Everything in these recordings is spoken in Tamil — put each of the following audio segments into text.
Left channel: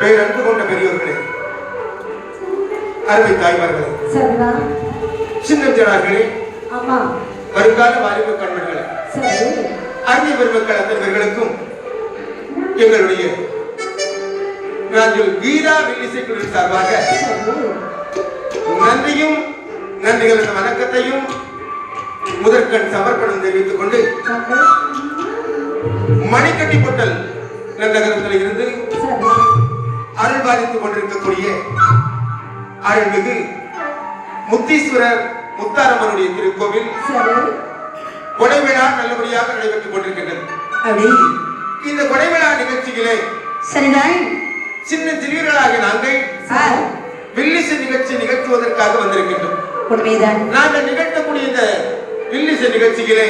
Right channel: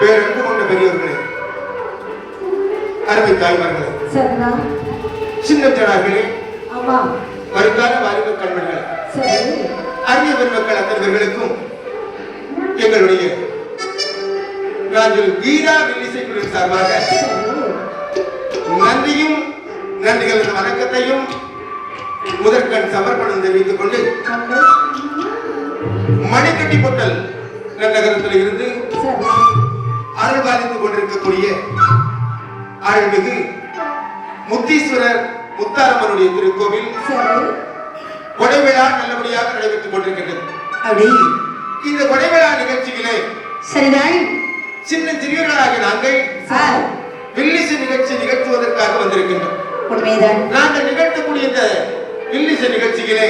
பேரன்பு கொண்ட பெரியவர்களே, அருமை தாய்மார்களே, சின்னஞ்சனார்களே, வருங்கால வாலிப கண்மணிகளே, அரிய பெருமக்கள் அத்தவர்களுக்கும் எங்களுடைய நாங்கள் வீரா வில்லிசைக்குழு சார்பாக நன்றியும் நன்றிகளின் வணக்கத்தையும் முதற்கண் சமர்ப்பணம் தெரிவித்துக் கொண்டு மணிக்கட்டி பொட்டல் நகரத்தில் இருந்து அருள்பாலித்துக் கொண்டிருக்கக்கூடிய அருள்மிகு முத்தீஸ்வரர் முத்தாரம்மனுடைய திருக்கோவில் கொடைவிழா நல்லபடியாக நடைபெற்றுக் கொண்டிருக்கின்றது. இந்த கொடைவிழா நிகழ்ச்சிகளே சின்ன சிறியர்களாக நாங்கள் வில்லிசை நிகழ்ச்சி நிகழ்த்துவதற்காக வந்திருக்கின்றோம். நாங்கள் நிகழ்த்தக்கூடிய இந்த வில்லிசை நிகழ்ச்சிகளே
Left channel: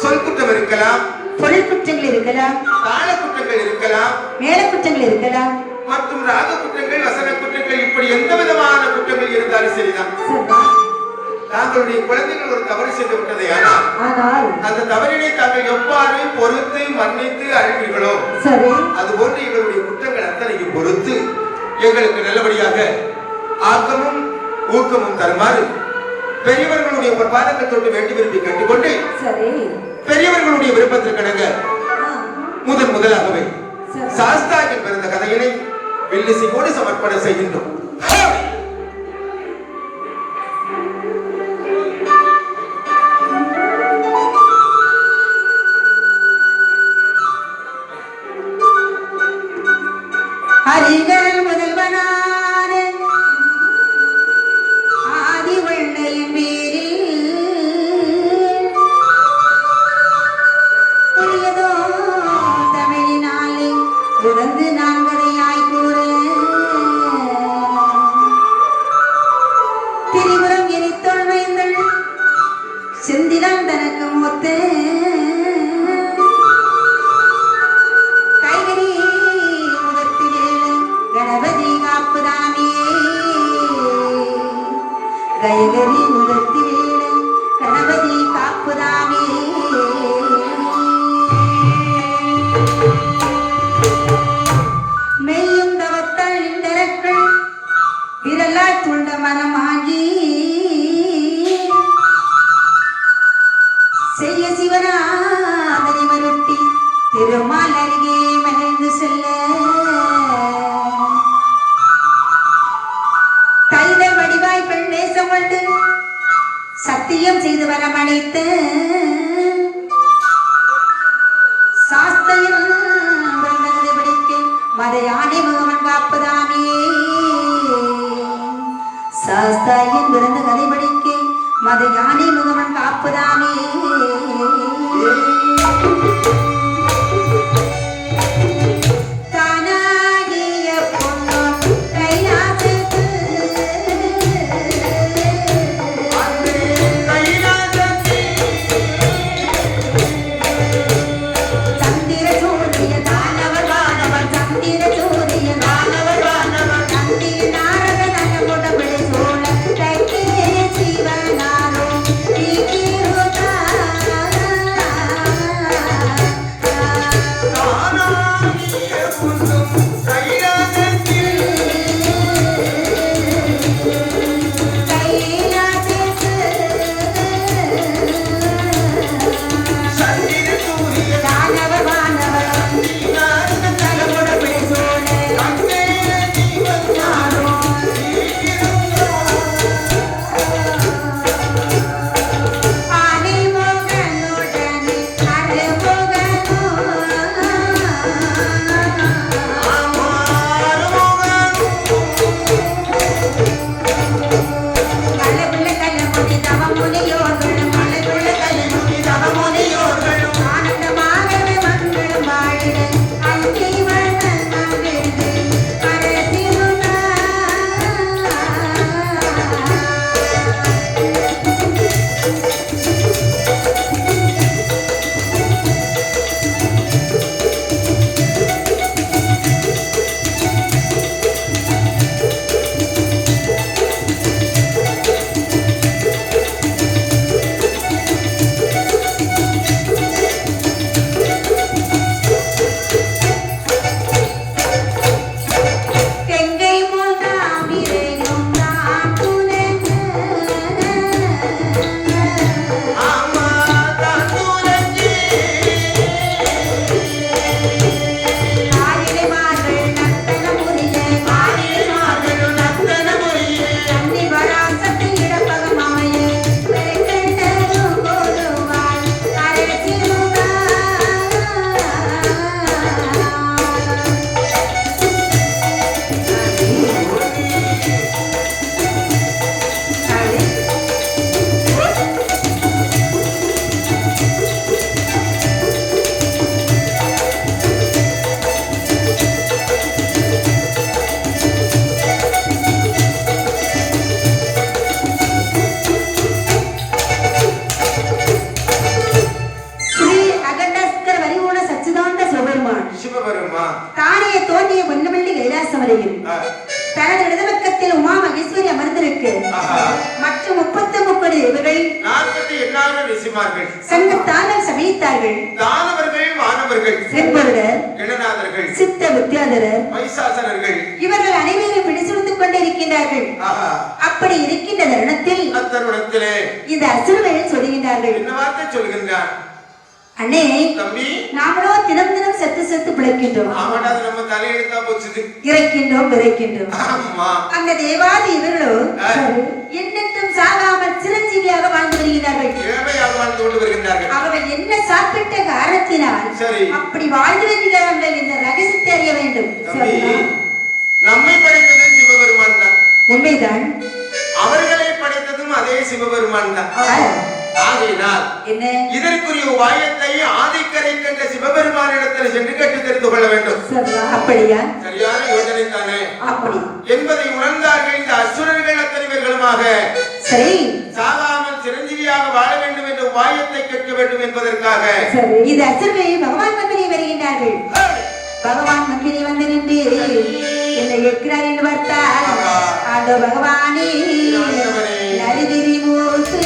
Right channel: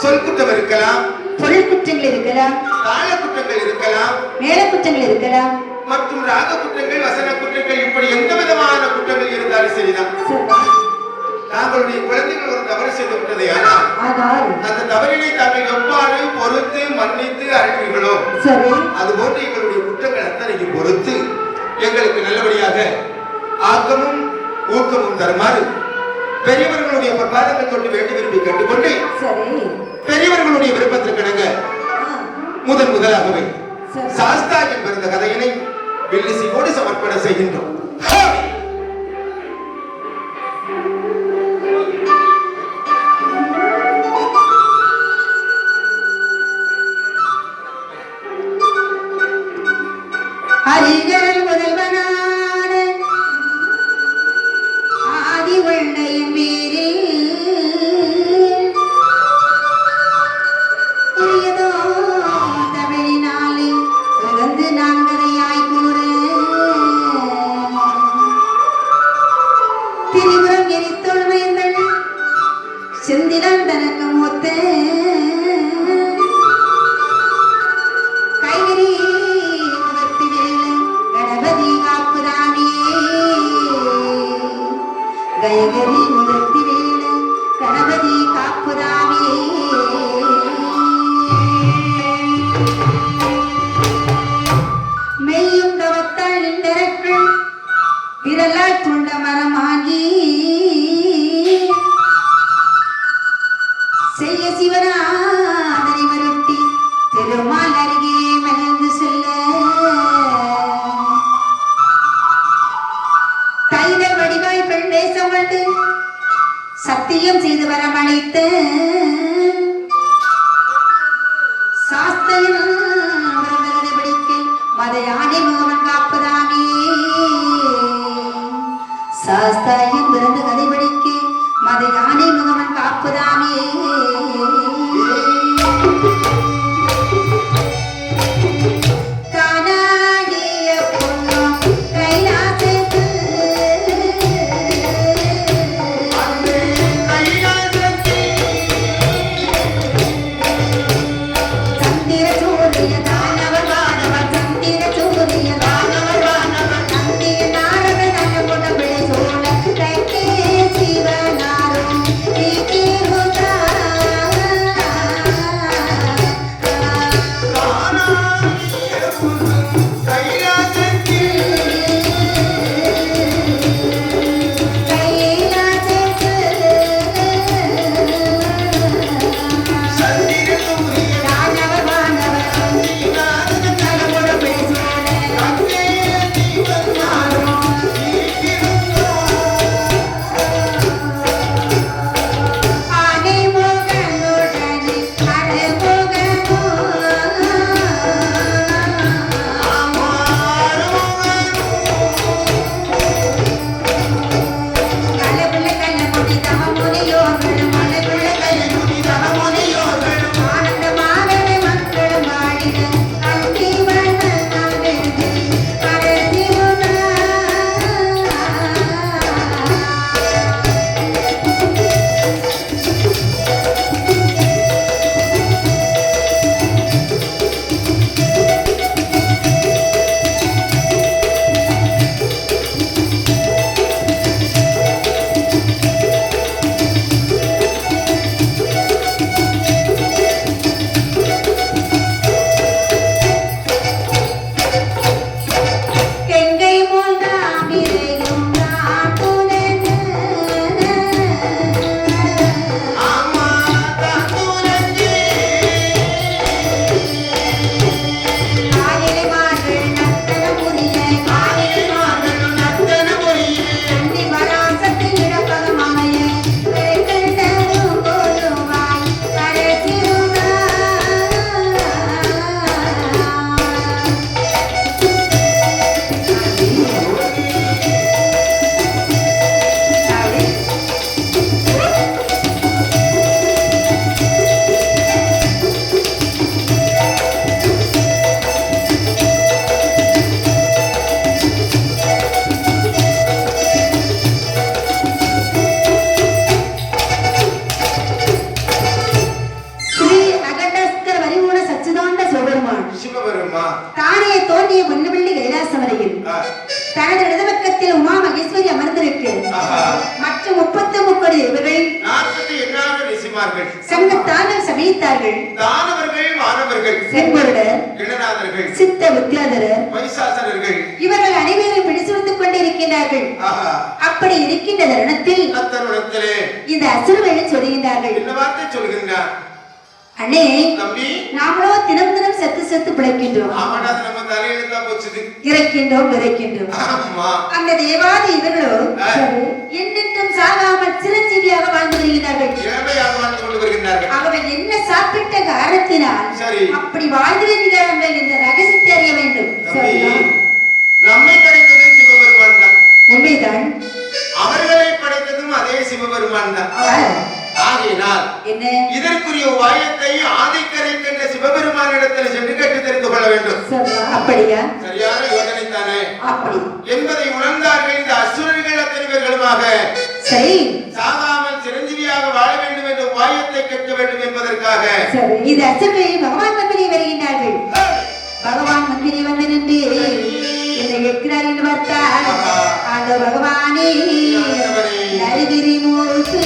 சொல் குற்றம் இருக்கலாம், பொருள் குற்றங்கள் இருக்கலாம், தாள குற்றங்கள் இருக்கலாம், நேர குற்றங்கள் இருக்கலாம். மற்றும் ராக குற்றங்கள், வசன குற்றங்கள், இப்படி எந்த விதமான குற்றங்கள் இருந்தாலும் சரிதான். தாங்களுடைய குழந்தைகள் ஒரு தவறு செய்து விட்டதை ஆனால் அந்த தவறினை தாங்கள் எவ்வாறு பொறுத்து மன்னித்து அழைப்பீர்களோ அதுபோன்று எங்களுடைய குற்றங்கள் அத்தனையும் பொறுத்து எங்களுக்கு நல்லபடியாக ஆக்கமும் ஊக்கமும் தருமாறு பெரியவர்களுடைய பாதத்தை தொட்டு வேண்டி விரும்பி கேட்டுக்கொண்டு பெரியவர்களுடைய விருப்பத்திற்கிணங்க முதலாகவே சாஸ்தாவில் பிறந்த கதையினை வில்லிசிமோடு சமர்ப்பணம் செய்கின்றோம். மெய்யும் தோன்றிய பொன்னுமல்லி கைலாசம் வரையில் தனது இடதுபக்கத்தில் உமா மகேஸ்வரி அமர்ந்திருக்கு மற்றும் 33 தேவர்கள் 48 ரிஷிமார்கள் சங்கத்தானம் சமைத்தார்கள். தானவர்கள் வானவர்கள் செம்பொருடர் கிணநாதர்கள் சித்த வித்யாதரர் வைசாசனர்கள் இவர்கள் அனைவரும் பிடிச்சிருந்து கொண்டு இருக்கிறார்கள். அப்படி இருக்கின்ற தருணத்தில் இந்த அசுரர்கள் சொல்லுகிறார்கள். என்ன வார்த்தை சொல்லுகின்றார்? அண்ணே தம்பி, நாமளோ தினம் தினம் செத்து செத்து பிழைக்கின்றோம். ஆமாடா, நம்ம தலையில தான் போச்சுது. இறக்கின்றோம் விதைக்கின்றோம். ஆமா. அந்த தேவாதி இவர்களோ என்னென்றும் சாகாமல் சிரஞ்சீவியாக வாழ்ந்து வருகிறார்கள். இளமையாக வாழ்ந்து கொண்டு வருகின்றார்கள். அவர்கள் என்ன சாப்பிட்ட காரணத்தினால் அப்படி வாழ்ந்து வருகிறார்கள் என்ற ரகசியத்தை அறிய வேண்டும். நம்மை படைத்தது சிவபெருமான் தான். உண்மைதான். அவர்களை படைத்ததும் அதே சிவபெருமான் தான். ஆகையினால் இதற்குரிய உபாயத்தை ஆதிக்கரை கண்ட சிவபெருமானிடத்தில் சென்று கற்று தெரிந்து கொள்ள வேண்டும். அப்படியா? சரியான யோசனை தானே என்பதை உணர்ந்தார்கள் இந்த அசுரர்கள் அத்தனை பேர்களுமாக. சரி, சாகாமல் சிரஞ்சீவியாக வாழ வேண்டும் என்ற உபாயத்தை கேட்க வேண்டும் என்பதற்காக இந்த அசுரரை பகவான் மந்திரி வருகின்றார்கள். பகவான் மந்திரி வந்து நின்று என்னை கேட்கிறார் என்று பார்த்தால் அந்த பகவானே நரிகிரி மூத்து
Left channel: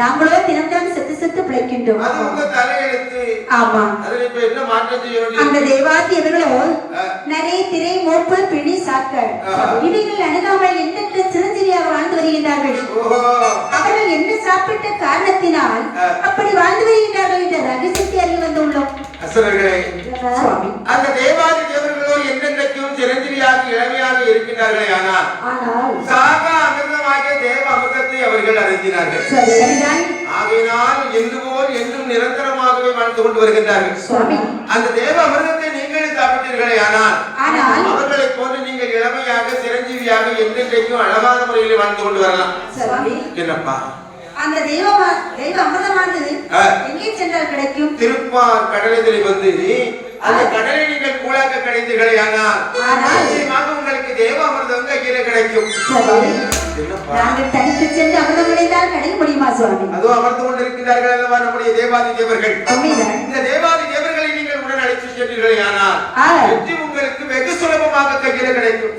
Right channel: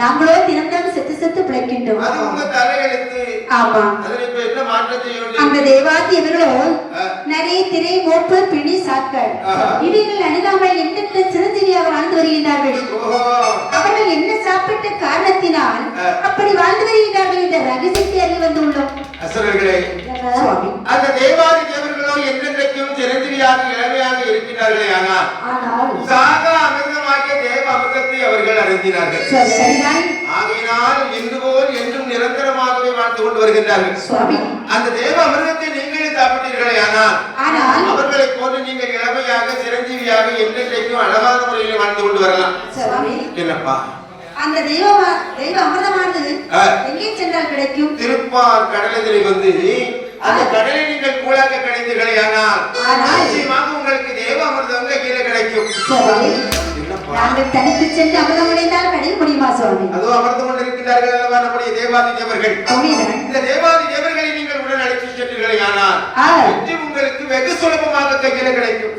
நாங்களோ தினம்தான் செத்து செத்து பிழைக்கின்றோம். ஆமா, அந்த தேவாதியர்களோ நிறைய திரை மோப்பு பிணி சாக்கள் இவைகள் அணுகாமல் எண்ணற்ற சிரஞ்சீவியாக வாழ்ந்து வருகிறார்கள். அவர்கள் என்ன சாப்பிட்ட காரணத்தினால் அப்படி வாழ்ந்து வருகிறார்கள் என்ற ரகசியத்தை அறிய வந்துள்ளோம். அந்த தேவாதி தேவர்களோ என்னென்றைக்கும் சிரஞ்சீவியாக இளமையாக இருக்கிறார்கள். ஆனால் சாகா அமிர்தமாக தேவ அமிர்தத்தை அவர்கள் அறிந்தினார்கள். ஆகையினால் என்று போல் என்றும் நிரந்தரமாகவே வாழ்ந்து கொண்டு வருகின்றார்கள். அந்த தேவ அமிர்தத்தை நீங்களே சாப்பிட்டீர்களே, ஆனால் அவர்களை போன்று நீங்கள் இளமையாக சிரஞ்சீவியாக என்றென்றைக்கும் அழகான முறையில் வாழ்ந்து கொண்டு வரலாம். என்னப்பா அந்த தேவ அமிர்தமானது எங்கே சென்றால் கிடைக்கும்? திருப்பார் கடலில் வந்து அந்த கடலை நீங்கள் கூழாக்க கிடைத்தீர்களே, ஆனால் நிச்சயமாக உங்களுக்கு தேவ அமிர்தம் கீழே கிடைக்கும். நாங்கள் தனித்து சென்று அமிர்தம் விளைந்தால் கடை முடியுமா சுவாமி? அதோ அமர்ந்து கொண்டிருக்கிறார்கள் நம்முடைய தேவாதி தேவர்கள். இந்த தேவாதி தேவர்களை நீங்கள் உடன் அழைத்து சென்றீர்களே, ஆனால் வெற்றி உங்களுக்கு வெகு சுலபமாக கையில கிடைக்கும்.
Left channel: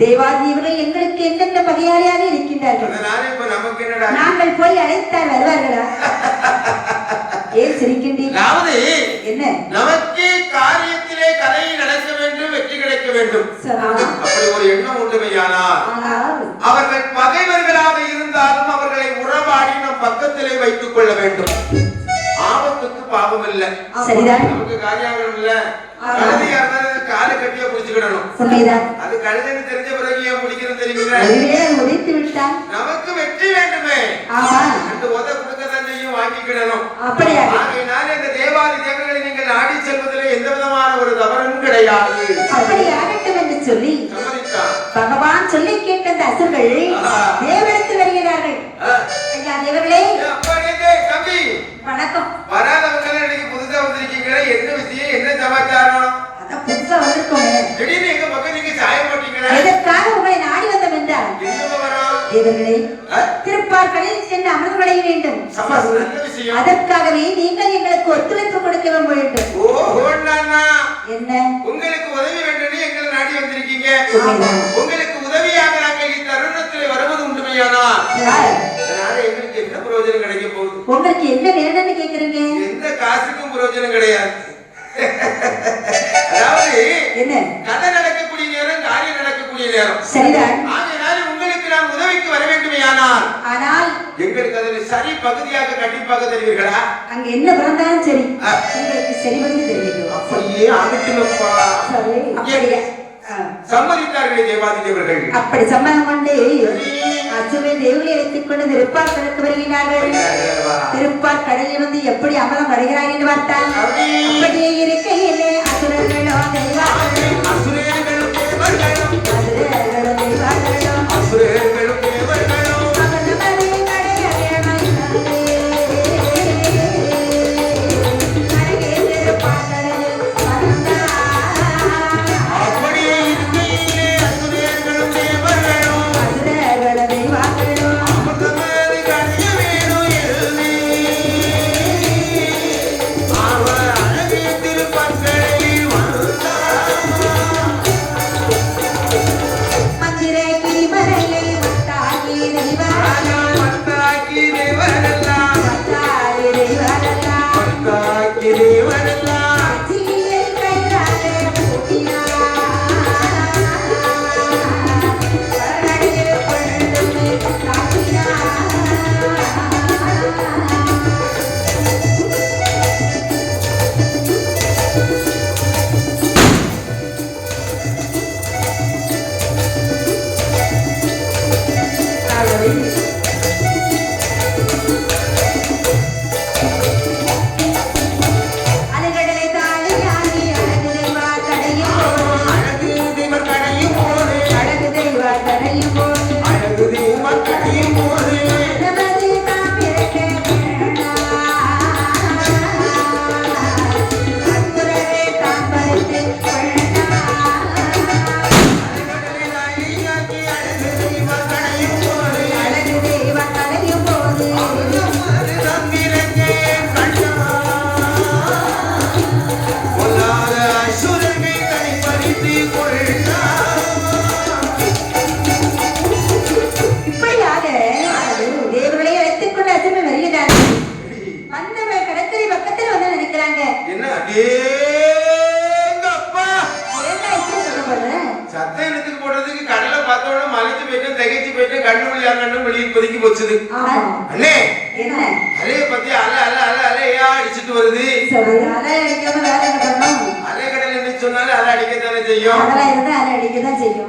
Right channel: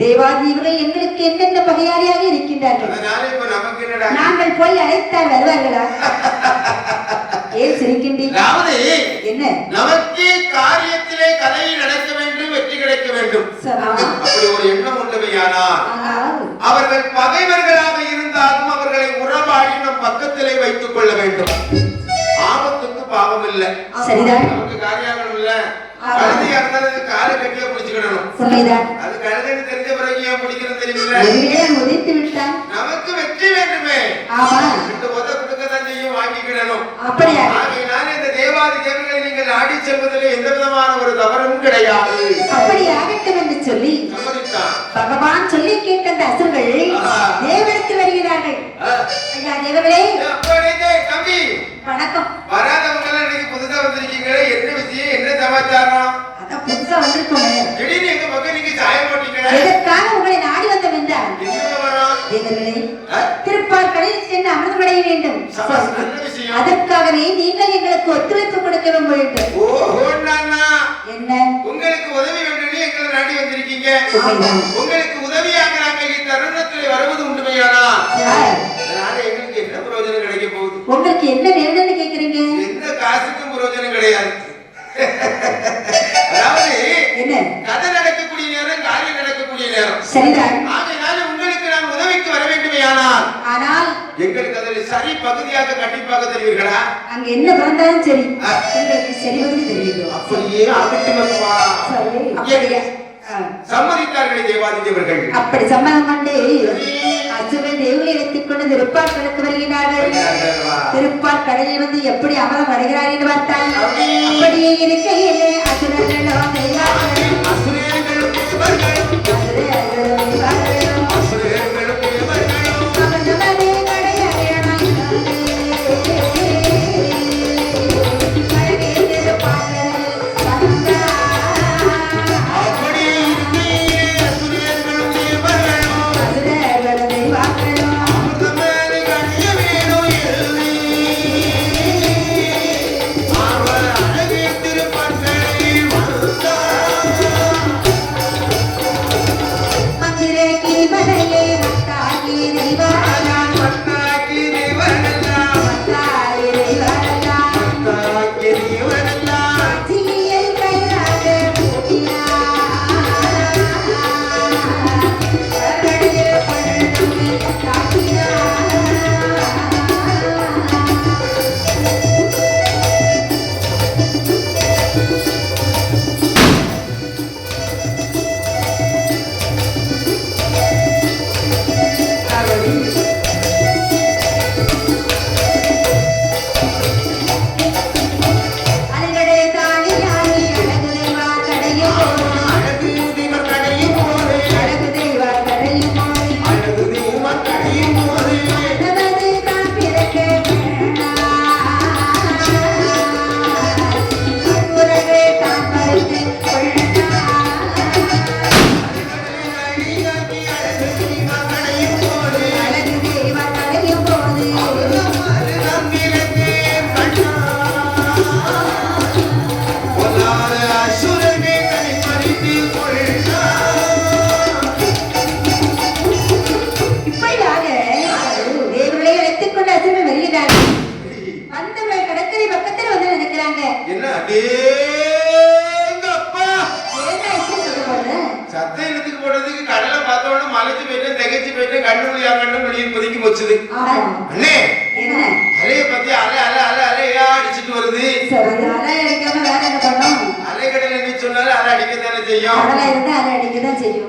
தேவாதிகள் எங்களுக்கு என்னென்ன பகையாளியாக இருக்கின்றார்கள். அதனால இப்ப நமக்கு என்னடா, நாங்கள் போய் அழைத்தால் வருவார்களா? ஏன் சிரிக்கின்றீர்கள்? அதாவது என்ன? நமக்கு காரியத்திலே கதை நடக்க வேண்டும், வெற்றி கிடைக்க வேண்டும். அப்படி ஒரு எண்ணம் உண்டுமையானால் அவர்கள் பகைவர்களாக இருந்தாலும் அவர்களை உறவாடி நம் பக்கத்திலே வைத்துக் கொள்ள வேண்டும். ஆபத்துக்கு பாவம் இல்லை. சரிதான். நமக்கு காரியம் இல்ல, கழுதியா இருந்தாலும் காலை கட்டியா பிடிச்சுக்கிடணும். அது கழுதைன்னு தெரிஞ்ச பிறகு ஏன் பிடிக்கிறது தெரியுங்களா? நமக்கு வெற்றி வேண்டுமே, ரெண்டு உத கொடுக்கதான் செய்யும், வாங்கிக்கிடணும். ஆகையினால இந்த தேவாதி தேவர்களை நீங்கள் நாடி செல்வதில் எந்த விதமான ஒரு தவறும் கிடையாது. அப்படியாகட்டும் என்று சொல்லி பகவான் சொல்லி கேட்ட அந்த அசுரர்கள் தேவனுக்கு வருகிறார்கள். தம்பி வணக்கம். வராதவங்க இன்னைக்கு புதுசா வந்திருக்கீங்களே, என்ன விஷயம், என்ன சமாச்சாரம்? அதான் புதுசா வந்திருக்கோங்க. திடீர்னு எங்க பக்கம் நீங்க சாயம் போட்டீங்க. இதற்காக உங்களை நாடி வந்தோம் என்றால் தேவர்களே திருப்பார்களில் சென்று அமர்வடைய வேண்டும். அதற்காகவே நீங்கள் எங்களுக்கு ஒத்துழைப்பு கொடுக்க வேண்டும். என்ன உங்களுக்கு உதவி வேண்டும் எங்களை நாடி வந்திருக்கீங்க. உங்களுக்கு உதவியாக நாங்கள் இந்த தருணத்தில் வருவது உண்டுமையானா அதனால எங்களுக்கு என்ன பிரயோஜனம் கிடைக்க போகுது? உங்களுக்கு என்ன வேணும்னு கேக்குறீங்க? எந்த காசுக்கும் பிரயோஜனம் கிடையாது. அதாவது என்ன கதை நடக்கக்கூடிய நேரம், காரியம் நடக்கக்கூடிய நேரம். சரிதான். ஆகையினால உங்களுக்கு நான் உதவிக்கு வர வேண்டுமையானால் ஆனால் எங்களுக்கு அதில் சரி பகுதியாக கண்டிப்பாக தெரிவீர்களா? அங்க என்ன பண்ணாலும் சரி உங்களுக்கு சரி வந்து தெரியும். அப்படியே ஆகட்டுமப்பா. அப்படியே சம்மதித்தார்கள் தேவாதி தேவர்கள். அப்படி சம்மதம் கொண்டு அசுவே தேவியை எடுத்துக்கொண்டு திருப்பார் கடற்கு வருகிறார்கள். திருப்பார் கடலில் வந்து எப்படி அமலம் வருகிறார்கள் என்று பார்த்தால் அப்படியே இருக்கையில் அசுரர்களோ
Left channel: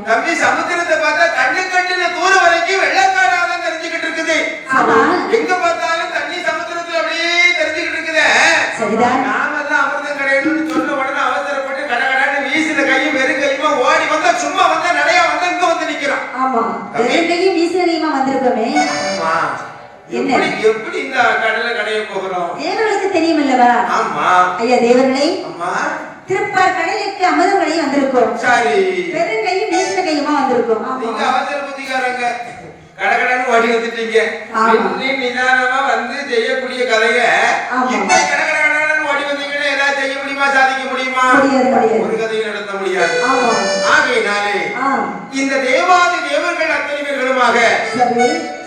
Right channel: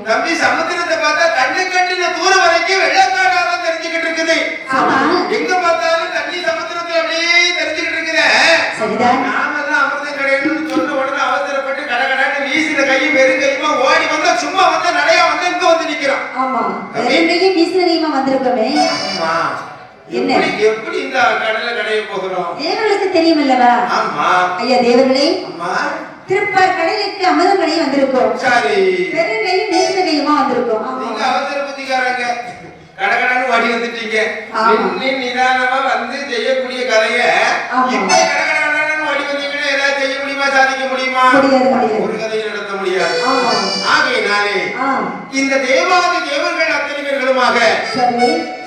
தம்பி சமுத்திரத்தை பார்த்தா தண்ணி கட்டின தூரம் வரைக்கும் வெள்ளக்காடாக தெரிஞ்சுக்கிட்டு இருக்குது. எங்க பார்த்தாலும் தண்ணி சமுத்திரத்துல அப்படியே தெரிஞ்சுக்கிட்டு இருக்குது. நாமெல்லாம் அமிர்தம் கிடையாது சொன்ன உடனே அவசரப்பட்டு கடகடான்னு வீசின கையும் வெறும் கையுமா ஓடி வந்தா சும்மா வந்தா நடையா வந்து இங்க வந்து நிக்கிறான். எப்படி இந்த கடலை கடைய போகிறோம்? தேவர்களுக்கு தெரியுமல்லவா? ஆமா ஐயா தேவர்களே, திருப்பார் கடலுக்கு அமுதமணி வந்திருக்கோம். சரி. பெருங்கையும் நீசகையுமா வந்திருக்கோம். நீங்க அவசர புத்திகாரங்க. கடகடன்னு ஓடி வந்துட்டீங்க. நீ நிதானமா வந்து செய்யக்கூடிய கதைய இப்ப கடகடன்னு ஓடி வந்தீங்கன்னா ஏதாவது செய்ய முடியுமா, சாதிக்க முடியுமா? ஒரு கதையை நடத்த முடியாது. ஆகையினாலே இந்த தேவாதி தேவர்கள் அத்தனை பேர்களுமாக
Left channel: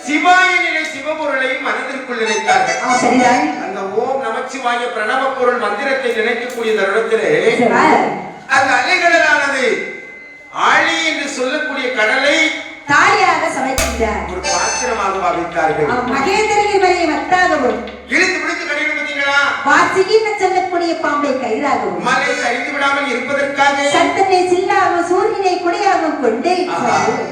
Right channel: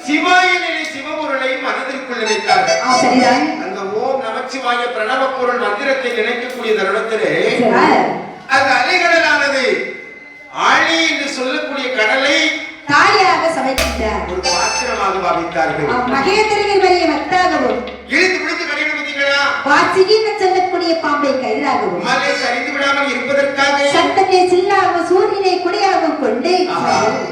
சிவாய நிலை சிவபொருளை மனதிற்குள் நினைத்தார்கள். அந்த ஓம் நமச்சிவாய ஓம்காரமாகிய பிரணவ பொருள் மந்திரத்தை நினைக்கக்கூடிய தருணத்திலே அந்த அலைகடலானது ஆழி என்று சொல்லக்கூடிய கடலை தாயாக சமைக்கின்றார். ஒரு பாத்திரமாக பாவித்தார்கள். மகேந்திரனை வரை வட்டாகவும் இழுத்து பிடித்து கடின பார்த்தீங்களா? வாசிகின்னு சொல்லக்கூடிய பாம்பை கயிறாகவும் மலை சரிந்து விடாமல் இருப்பதற்காக சட்டத்தை சில்லாக சூரியனை குடையாகவும் கொண்டு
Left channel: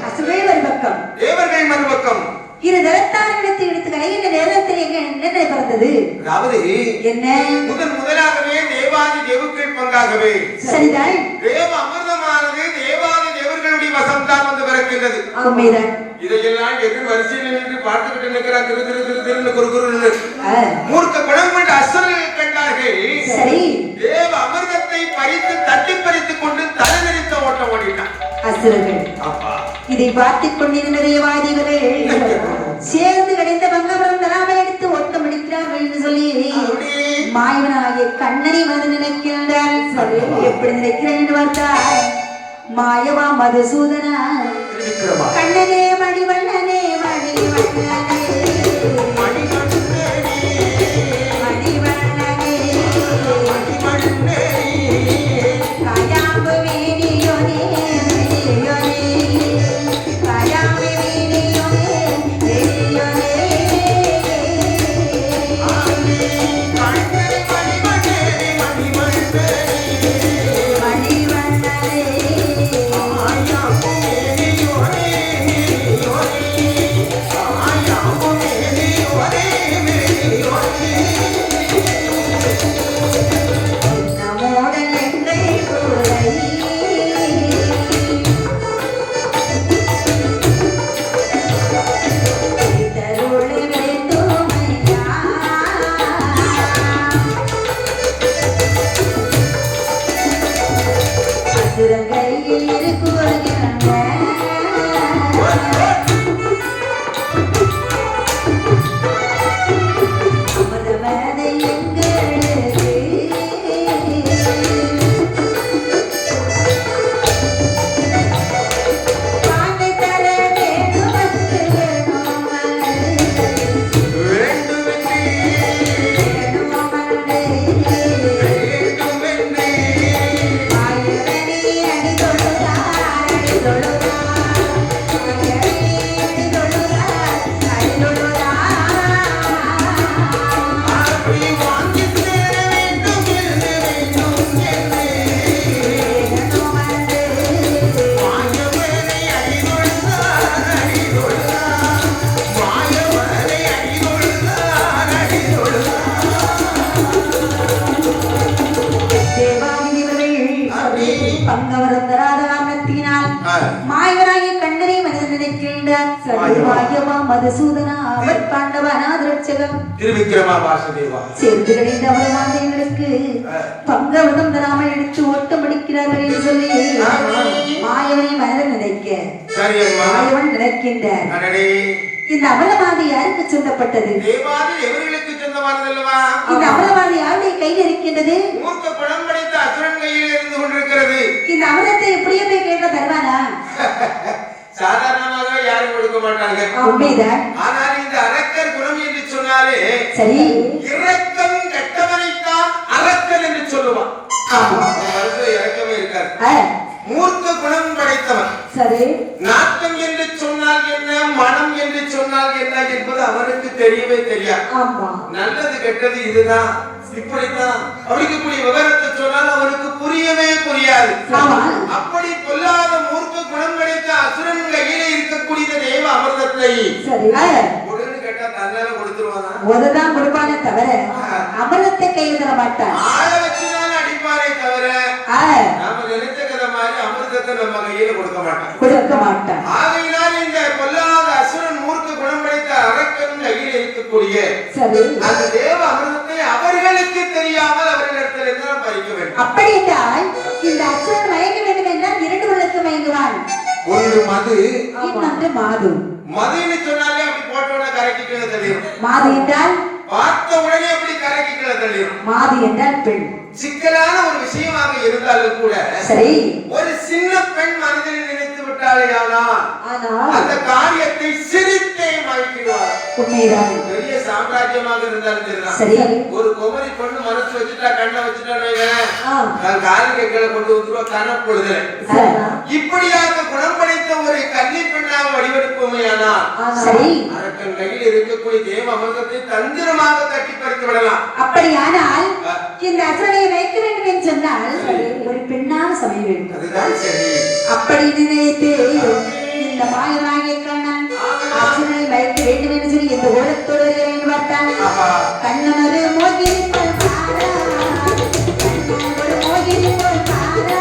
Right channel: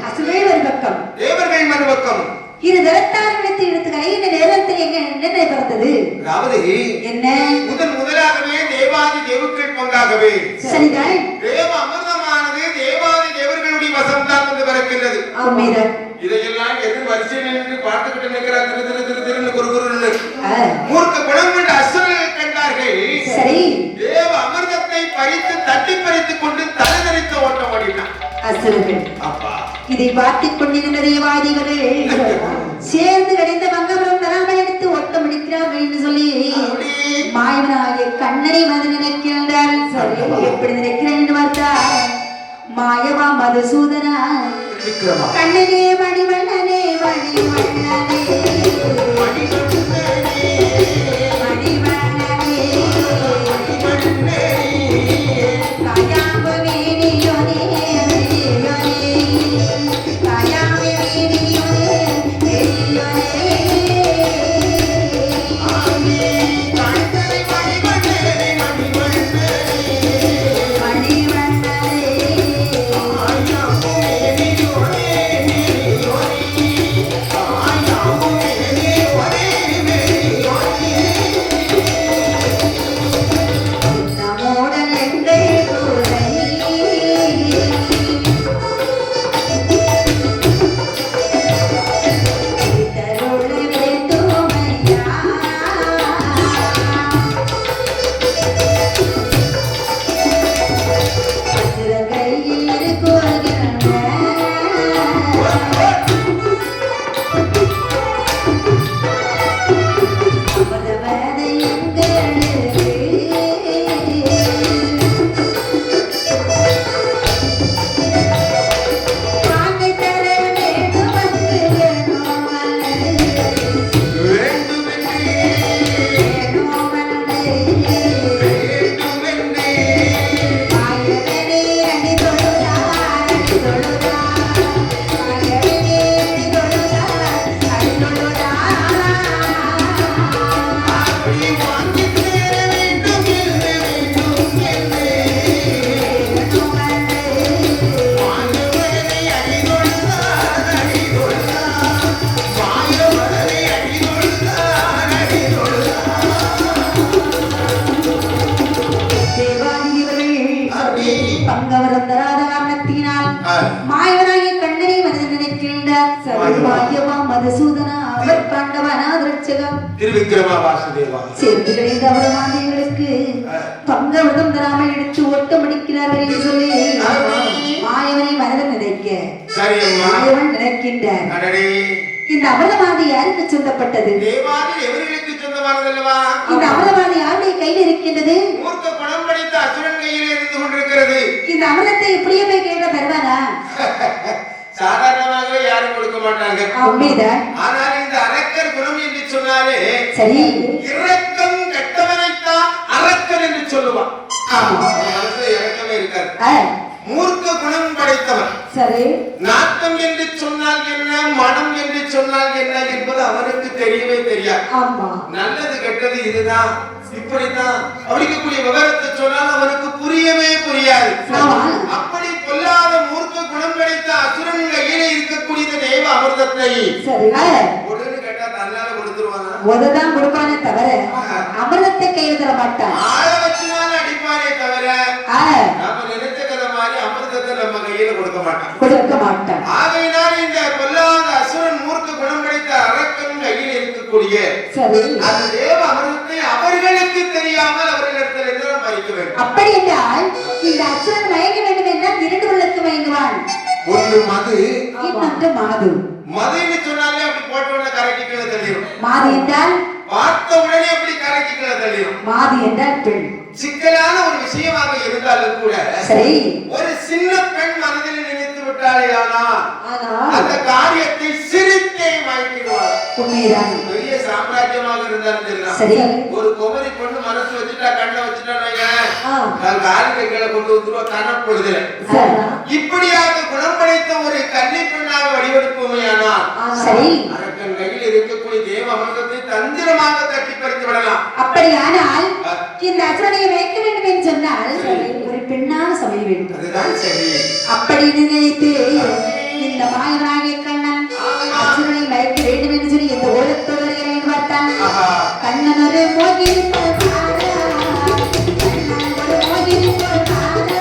அசுரேல் ஒரு பக்கம் தேவர்கள் மறுபக்கம் இரு தரத்தாரத்தை எடுத்து கலையின் நேரத்தில் எங்க நிலை பிறந்தது. அதாவது என்ன முதலாகவே தேவாதி தேவுக்கள் பங்காகவே சரிதான். தேவ அமிர்தமானது தேவாதி தேவர்களுடைய வசம்தான் வந்து பிறக்கின்றது. உண்மைதான். இதையெல்லாம் எதிர் வரிசையில் நின்று பார்த்துக்கிட்டு நிற்கிறார். திரு திரு திரு திரு குரு மூர்க்க குணம் கொண்ட அசுரர்கள் கண்டார்கள். சரி, தேவ அமிர்தத்தை பறித்து தட்டி பறித்துக் கொண்டு தலைநரித்த ஓட்டம் ஓடினார் அசுரர்கள். அப்பா இதை பார்த்துக் கொண்டிருந்த தேவாதிகளே சேர்ந்து விளைந்த மங்கபுரம் தராமல் எடுத்து ஓட்டம் முடிக்கிறார்கள் என்று சொல்லி மாயவனாகிய கண்ணனை வந்து நினைக்கின்றார். சரி, எப்படி நினைக்கிறேன் என்று பார்த்தால் மாயவா மதுசூதனா கண்ணனே மணிவண்ணனே மணிவண்ணனே மாயவனாகிய கண்ணனை மனதில் நினைக்கின்றார். சர்வபாகியமா மதுசூதனா அவர் பாண்டவனாதிரட்சகம் திருவிக்கிரமா வாசுதேவா சேர்ந்து கிடைத்த அவர்களுக்கு பங்கவதம் தராமல் எடுத்து ஓட்டம் அடிக்கிறார்கள் என்று சொல்லி மாயவனை மனதில் நினைக்க மாயவன் நினைக்கின்றார். இந்த அவலவாதி யாருக்கு சொந்தப்பட்டது? தேவாதி எவர்களுக்கு சொந்தமானதல்லவா? இந்த அவலவாதி யாருடைய கையில் இருக்கின்றது? மூர்க்க பணம் படைத்த அசுரன் கையில் இருந்து கொண்டிருக்கிறது. இந்த அவலத்தை எப்படியே போய் கேட்க தருவானா? சாதாரணமாக யாரும் கொடுக்க மாட்டாங்க. உண்மைதான். ஆனால் இந்த அரக்கர் குணம் என்று சொன்னாலே சரி, இரக்கம் கெட்டவனைத்தான் அரக்கர் என்று சொல்லுவான். ஆமா, அவனுக்கு இரக்கமே இருக்காது. மூர்க்க குணம் படைத்தவன். சரி, நாட்டம் என்று சொன்னால் என்ன, மனம் என்று சொன்னால் என்ன என்பது அவனுக்கு தெரியவே தெரியாது. ஆமா, நல்லது கெட்டது இதுதான் இப்படித்தான் அப்படிக்கக்கூடிய விவரத்தை சொன்னால் அவனுக்கு புரியவே புரியாது. அப்படி கொல்லாத மூர்க்க குணம் படைத்த அசுரன் கையிலே இருக்கக்கூடிய தேவ அமிர்தத்தை உடனே கேட்டா தன்னால கொடுத்துருவானா? முதலாம் கொடுப்பானே தவிர அமிர்தத்தை கையில் தர மாட்டான். ஆள வச்சுதான் அடிப்பானே தவிர நாம நினைத்த கதை மாதிரி அமிர்தத்தை நம்ம கையில கொடுக்க மாட்டான். ஆகையினாலே இந்த கொல்லாத அசுரன் மூர்க்க குணம் படைத்த அரக்கன் கையில் இருக்கக்கூடிய அந்த தேவ அமிர்தத்தை அவர்களுக்கு தெரியாமல் அவர்களிடத்தில் இருந்து பறிக்க வேண்டும். அப்படி என்றால் இந்த அசுரன் மயங்க வேண்டும் என்றால் இரண்டு உள்ளத்து மயங்குவான். ஒன்று மது, இன்னொன்று மாது. மதுன்னு சொன்னாலே அப்படி போட்ட உடனே கரைக்கிக்கல தெரியும். மாது என்றால் பார்த்த உடனே அப்படி கரைக்கிக்கல தெரியும். மாது என்றால் பெண். சிக்கலான ஒரு விஷயமாக இருந்தாலும் கூட சரி, ஒரு சின்ன பெண் மனதில் நினைத்து விட்டாலே அந்த காரியத்தை சிரித்தே மயக்கிடுவார். உண்மைதான். பெரிய சாம்ராஜ்யமாக இருந்தாலும் சரி, ஒரு குமரி பொண்ணு மனசு வச்சுட்டா கண்ணை வச்சுட்டான்னு காலிகளை கொண்டு வந்துருவா கணப்பொழுது. இப்படியாக குணம் படைத்த ஒரு கன்னி பெண்ணாக வடிவெடுப்போமையானால் சரி, அரக்கன் கையில் இருக்கக்கூடிய தேவ அமிர்தத்தை தந்திரமாக தட்டி பறித்து விடலாம். அப்படியானால் இந்த அசுரனை வைக்க வேண்டும் என்று சொன்னால் ஒரு பெண்ணாக சமைய வேண்டும். அதுதான் சரி. அப்படி நினைத்து இந்த மாயமாகிய கண்ணன் அசுரனை வைக்க வேண்டும் என்று சொல்லி இந்த ஓரத்தோடு வருகிறேன் பார்த்தான். கண்ணன் ஒரு மோகினி போல் பாரா, கண்ணன் ஒரு மோகினி போல் பாரா,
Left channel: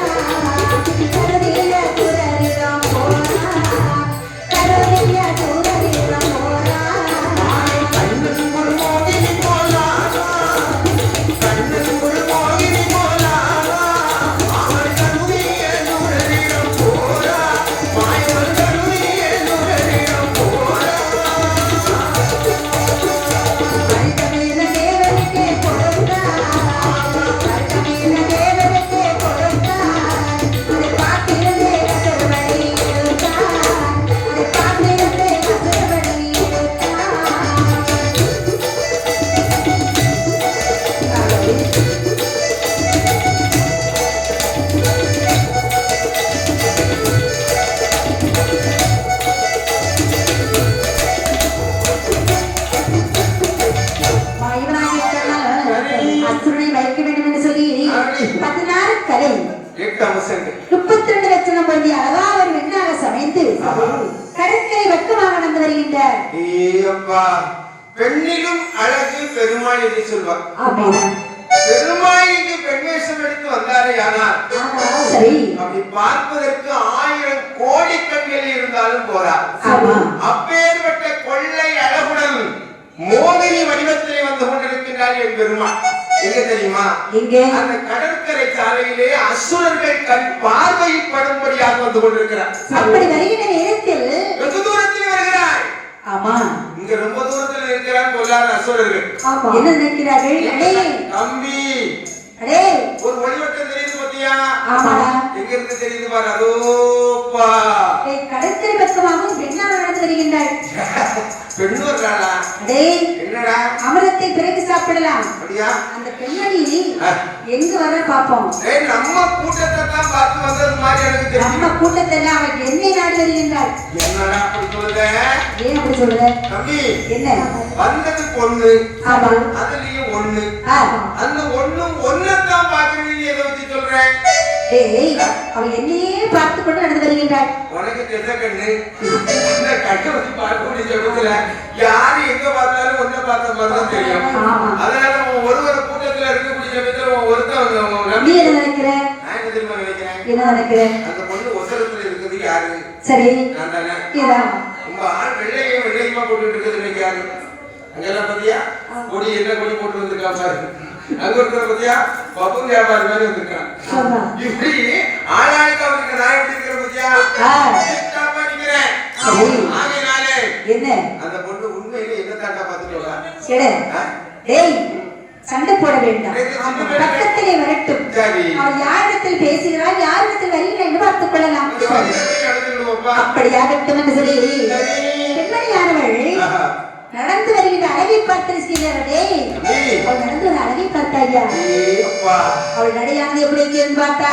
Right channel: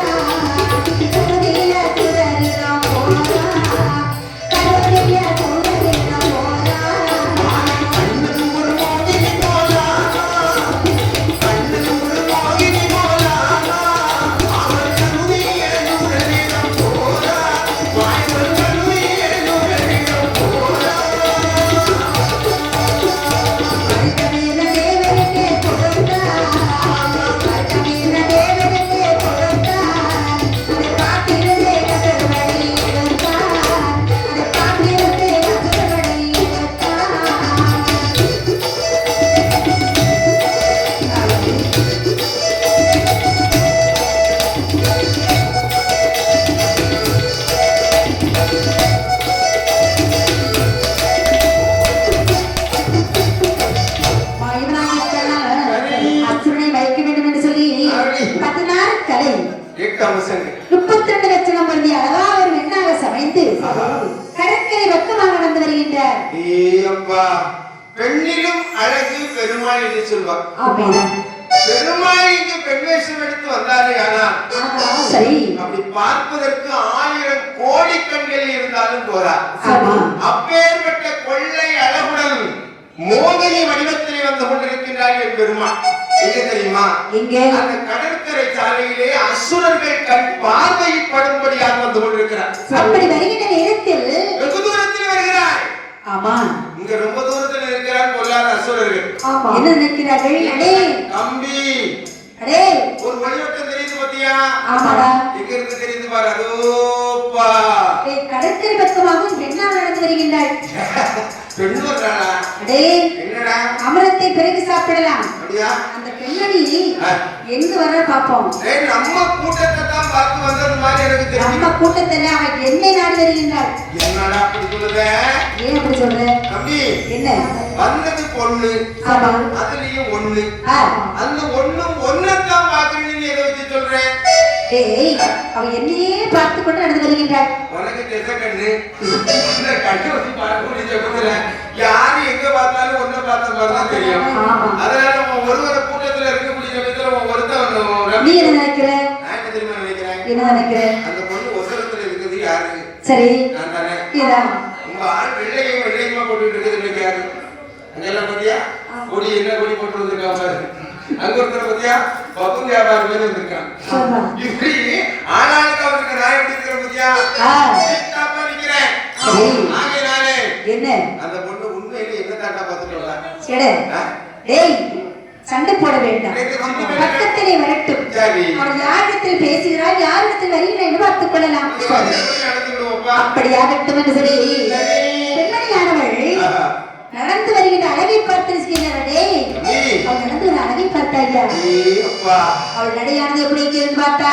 கருதிய துரரிடம் போரா, கருதிய துரரிடம் போரா. கண்ணன் ஒரு மோகினி போலா, கண்ணன் ஒரு மோகினி போலா, அவள் கருதிய துரரிடம் போரா, வாய்வள் கருதிய துரரிடம் போரா. கருதிய தேவனுக்கே கொடுத்தா, கருதிய தேவனுக்கே கொடுத்தா, அதை பாட்டிலே கதவழி எடுத்தா, அதை பாட்டிலே கதவழி எடுத்தா. அசுரனை வைக்க வேண்டும் என்று சொல்லி 16 கலை 8 அம்சங்கள் 32 லட்சம் பொருந்தி அழகா ஒரு வெண்ணாக சமைத்து கடற்கரை வெப்பமாக நடந்து வருகின்றார். ஏப்பா, பெண்ணிலும் அழகு பெருமாள் என்று சொல்வார். அப்படிதான். பெருமாளுக்கு பெண் வேஷம் எடுத்து வந்தாரே ஆனால் சரி, அப்படி பார்ப்பதற்கு 1000 கோடி கண்கள் இருந்தாலும் போரா. ஆமா, அப்பேற்பட்ட கொள்ளை அழகுடன் மோகினி வடிவத்திலே வந்து கொண்டிருக்கின்றார் என் பெருமாள். எங்க தெரியுமா? இங்கே அந்த கடற்கரை சாலையிலே அசுரர்கள் கண் பார்வைப்படும்படியாக வந்து கொண்டிருக்கிறார். அப்படி வருகின்ற நேரத்தில் வெகு தூரத்தில் வருகிறார். ஆமா, இங்க ரொம்ப தூரத்தில் இருக்கிறார் பொல்லாத அசுரர்கள். ஆமா, என்ன நினைக்கிறார்கள்? அடே தம்பி, அடே, ஒரு வடிவட்டம் தெரியுது பாத்தியா? ஆமாடா, எங்க இருந்து தெரியுது பாரு. அதோப்பா, கடற்கரை பக்கமாக வெண்ணாக நடந்து வருகின்றாள். பெண்ணு வர்றாளா? அடே, என்னடா அமிர்தத்தை பிறகு சாப்பிடலாம். அப்படியா? அந்த பெண்ணடி எங்க வர பாப்போம். ஏய், நம்ம கூட்டத்தை தான் பார்த்து வந்தது மாதிரி எனக்கு தெரியும். நம்ம கூட்டத்துல அவள் என்னை நாடு வருகின்றாள். என்னடா அப்படி சொல்லுங்க? ஏன் அப்படி சொல்ற? தம்பி, என்ன வந்தது பொண்ணு, ஆமா, அதுலயும் ஒண்ணு. ஆ, அந்த ஒண்ணும் ஒன்னதான் பாக்குறீங்க. எதை வச்சு சொல்றேன்? ஏய், அவள் என்னையே பார்த்து கொண்டு நடந்து வருகின்றாள். உனக்கு தெரிஞ்ச கண்ணு, இந்த கண்ணு வச்சு பார்க்கக்கூடிய ஜபத்துல யாரு எங்க பார்த்தாலும் ஒன்ன பார்த்த மாதிரிதான் தெரியும். ஆமா, அதனால நம்ம ஒருவர கூட்டத்துல இருக்கக்கூடிய ஜபத்துல ஒருத்தன் நீ என்ன நினைக்கிற? நான் என்ன தெரியுமா நினைக்கிறேன்? என்ன நினைக்கிற? அந்த பொண்ணு ஒசரத்துல இருக்குது யாரு? சரி, நான் தானே. இதான். உங்க ஆள் வெள்ளையுமா போட்டுட்டு இருக்குது நினைக்காது. அங்கெல்லாம் பாத்தியா கொடி என்ன கொடி போட்டு வந்திருக்கா பாரு. அங்க இருக்கிற பாத்தியா பப்புங்க வியாபாரி மாதிரி வந்திருக்கான். ஆமா, இப்படி ஆளாளுக்கு அவருக்கு நான் எப்படி இருக்கிற பாத்தியா சித்தாப்பா நிக்கிறேன். சரி, ஆகையினாலே என்ன அந்த பொண்ணு உண்மையிலே என்ன தாண்டா பார்த்துட்டா? சரி, ஏய், சண்டை போட வேண்டாம். பக்கத்திலே வரட்டும். சரி, அவள் யாரிடத்தில் பேசுகிறாள், யாரிடத்தில் வருகிறாள் என்று பார்த்துக் கொள்ளலாம். நடந்துக்கிடுவோப்பா. அப்படியாகட்டும் என்று சொல்லி பெண்மணியானவள் நடந்து வருகின்ற அழகை பார்த்து செய்கிறாரே. அவள் நடந்து ஒரு அழகை பார்த்தாயா? அவள் நடையானது எப்படி இருக்குன்னு பார்த்தா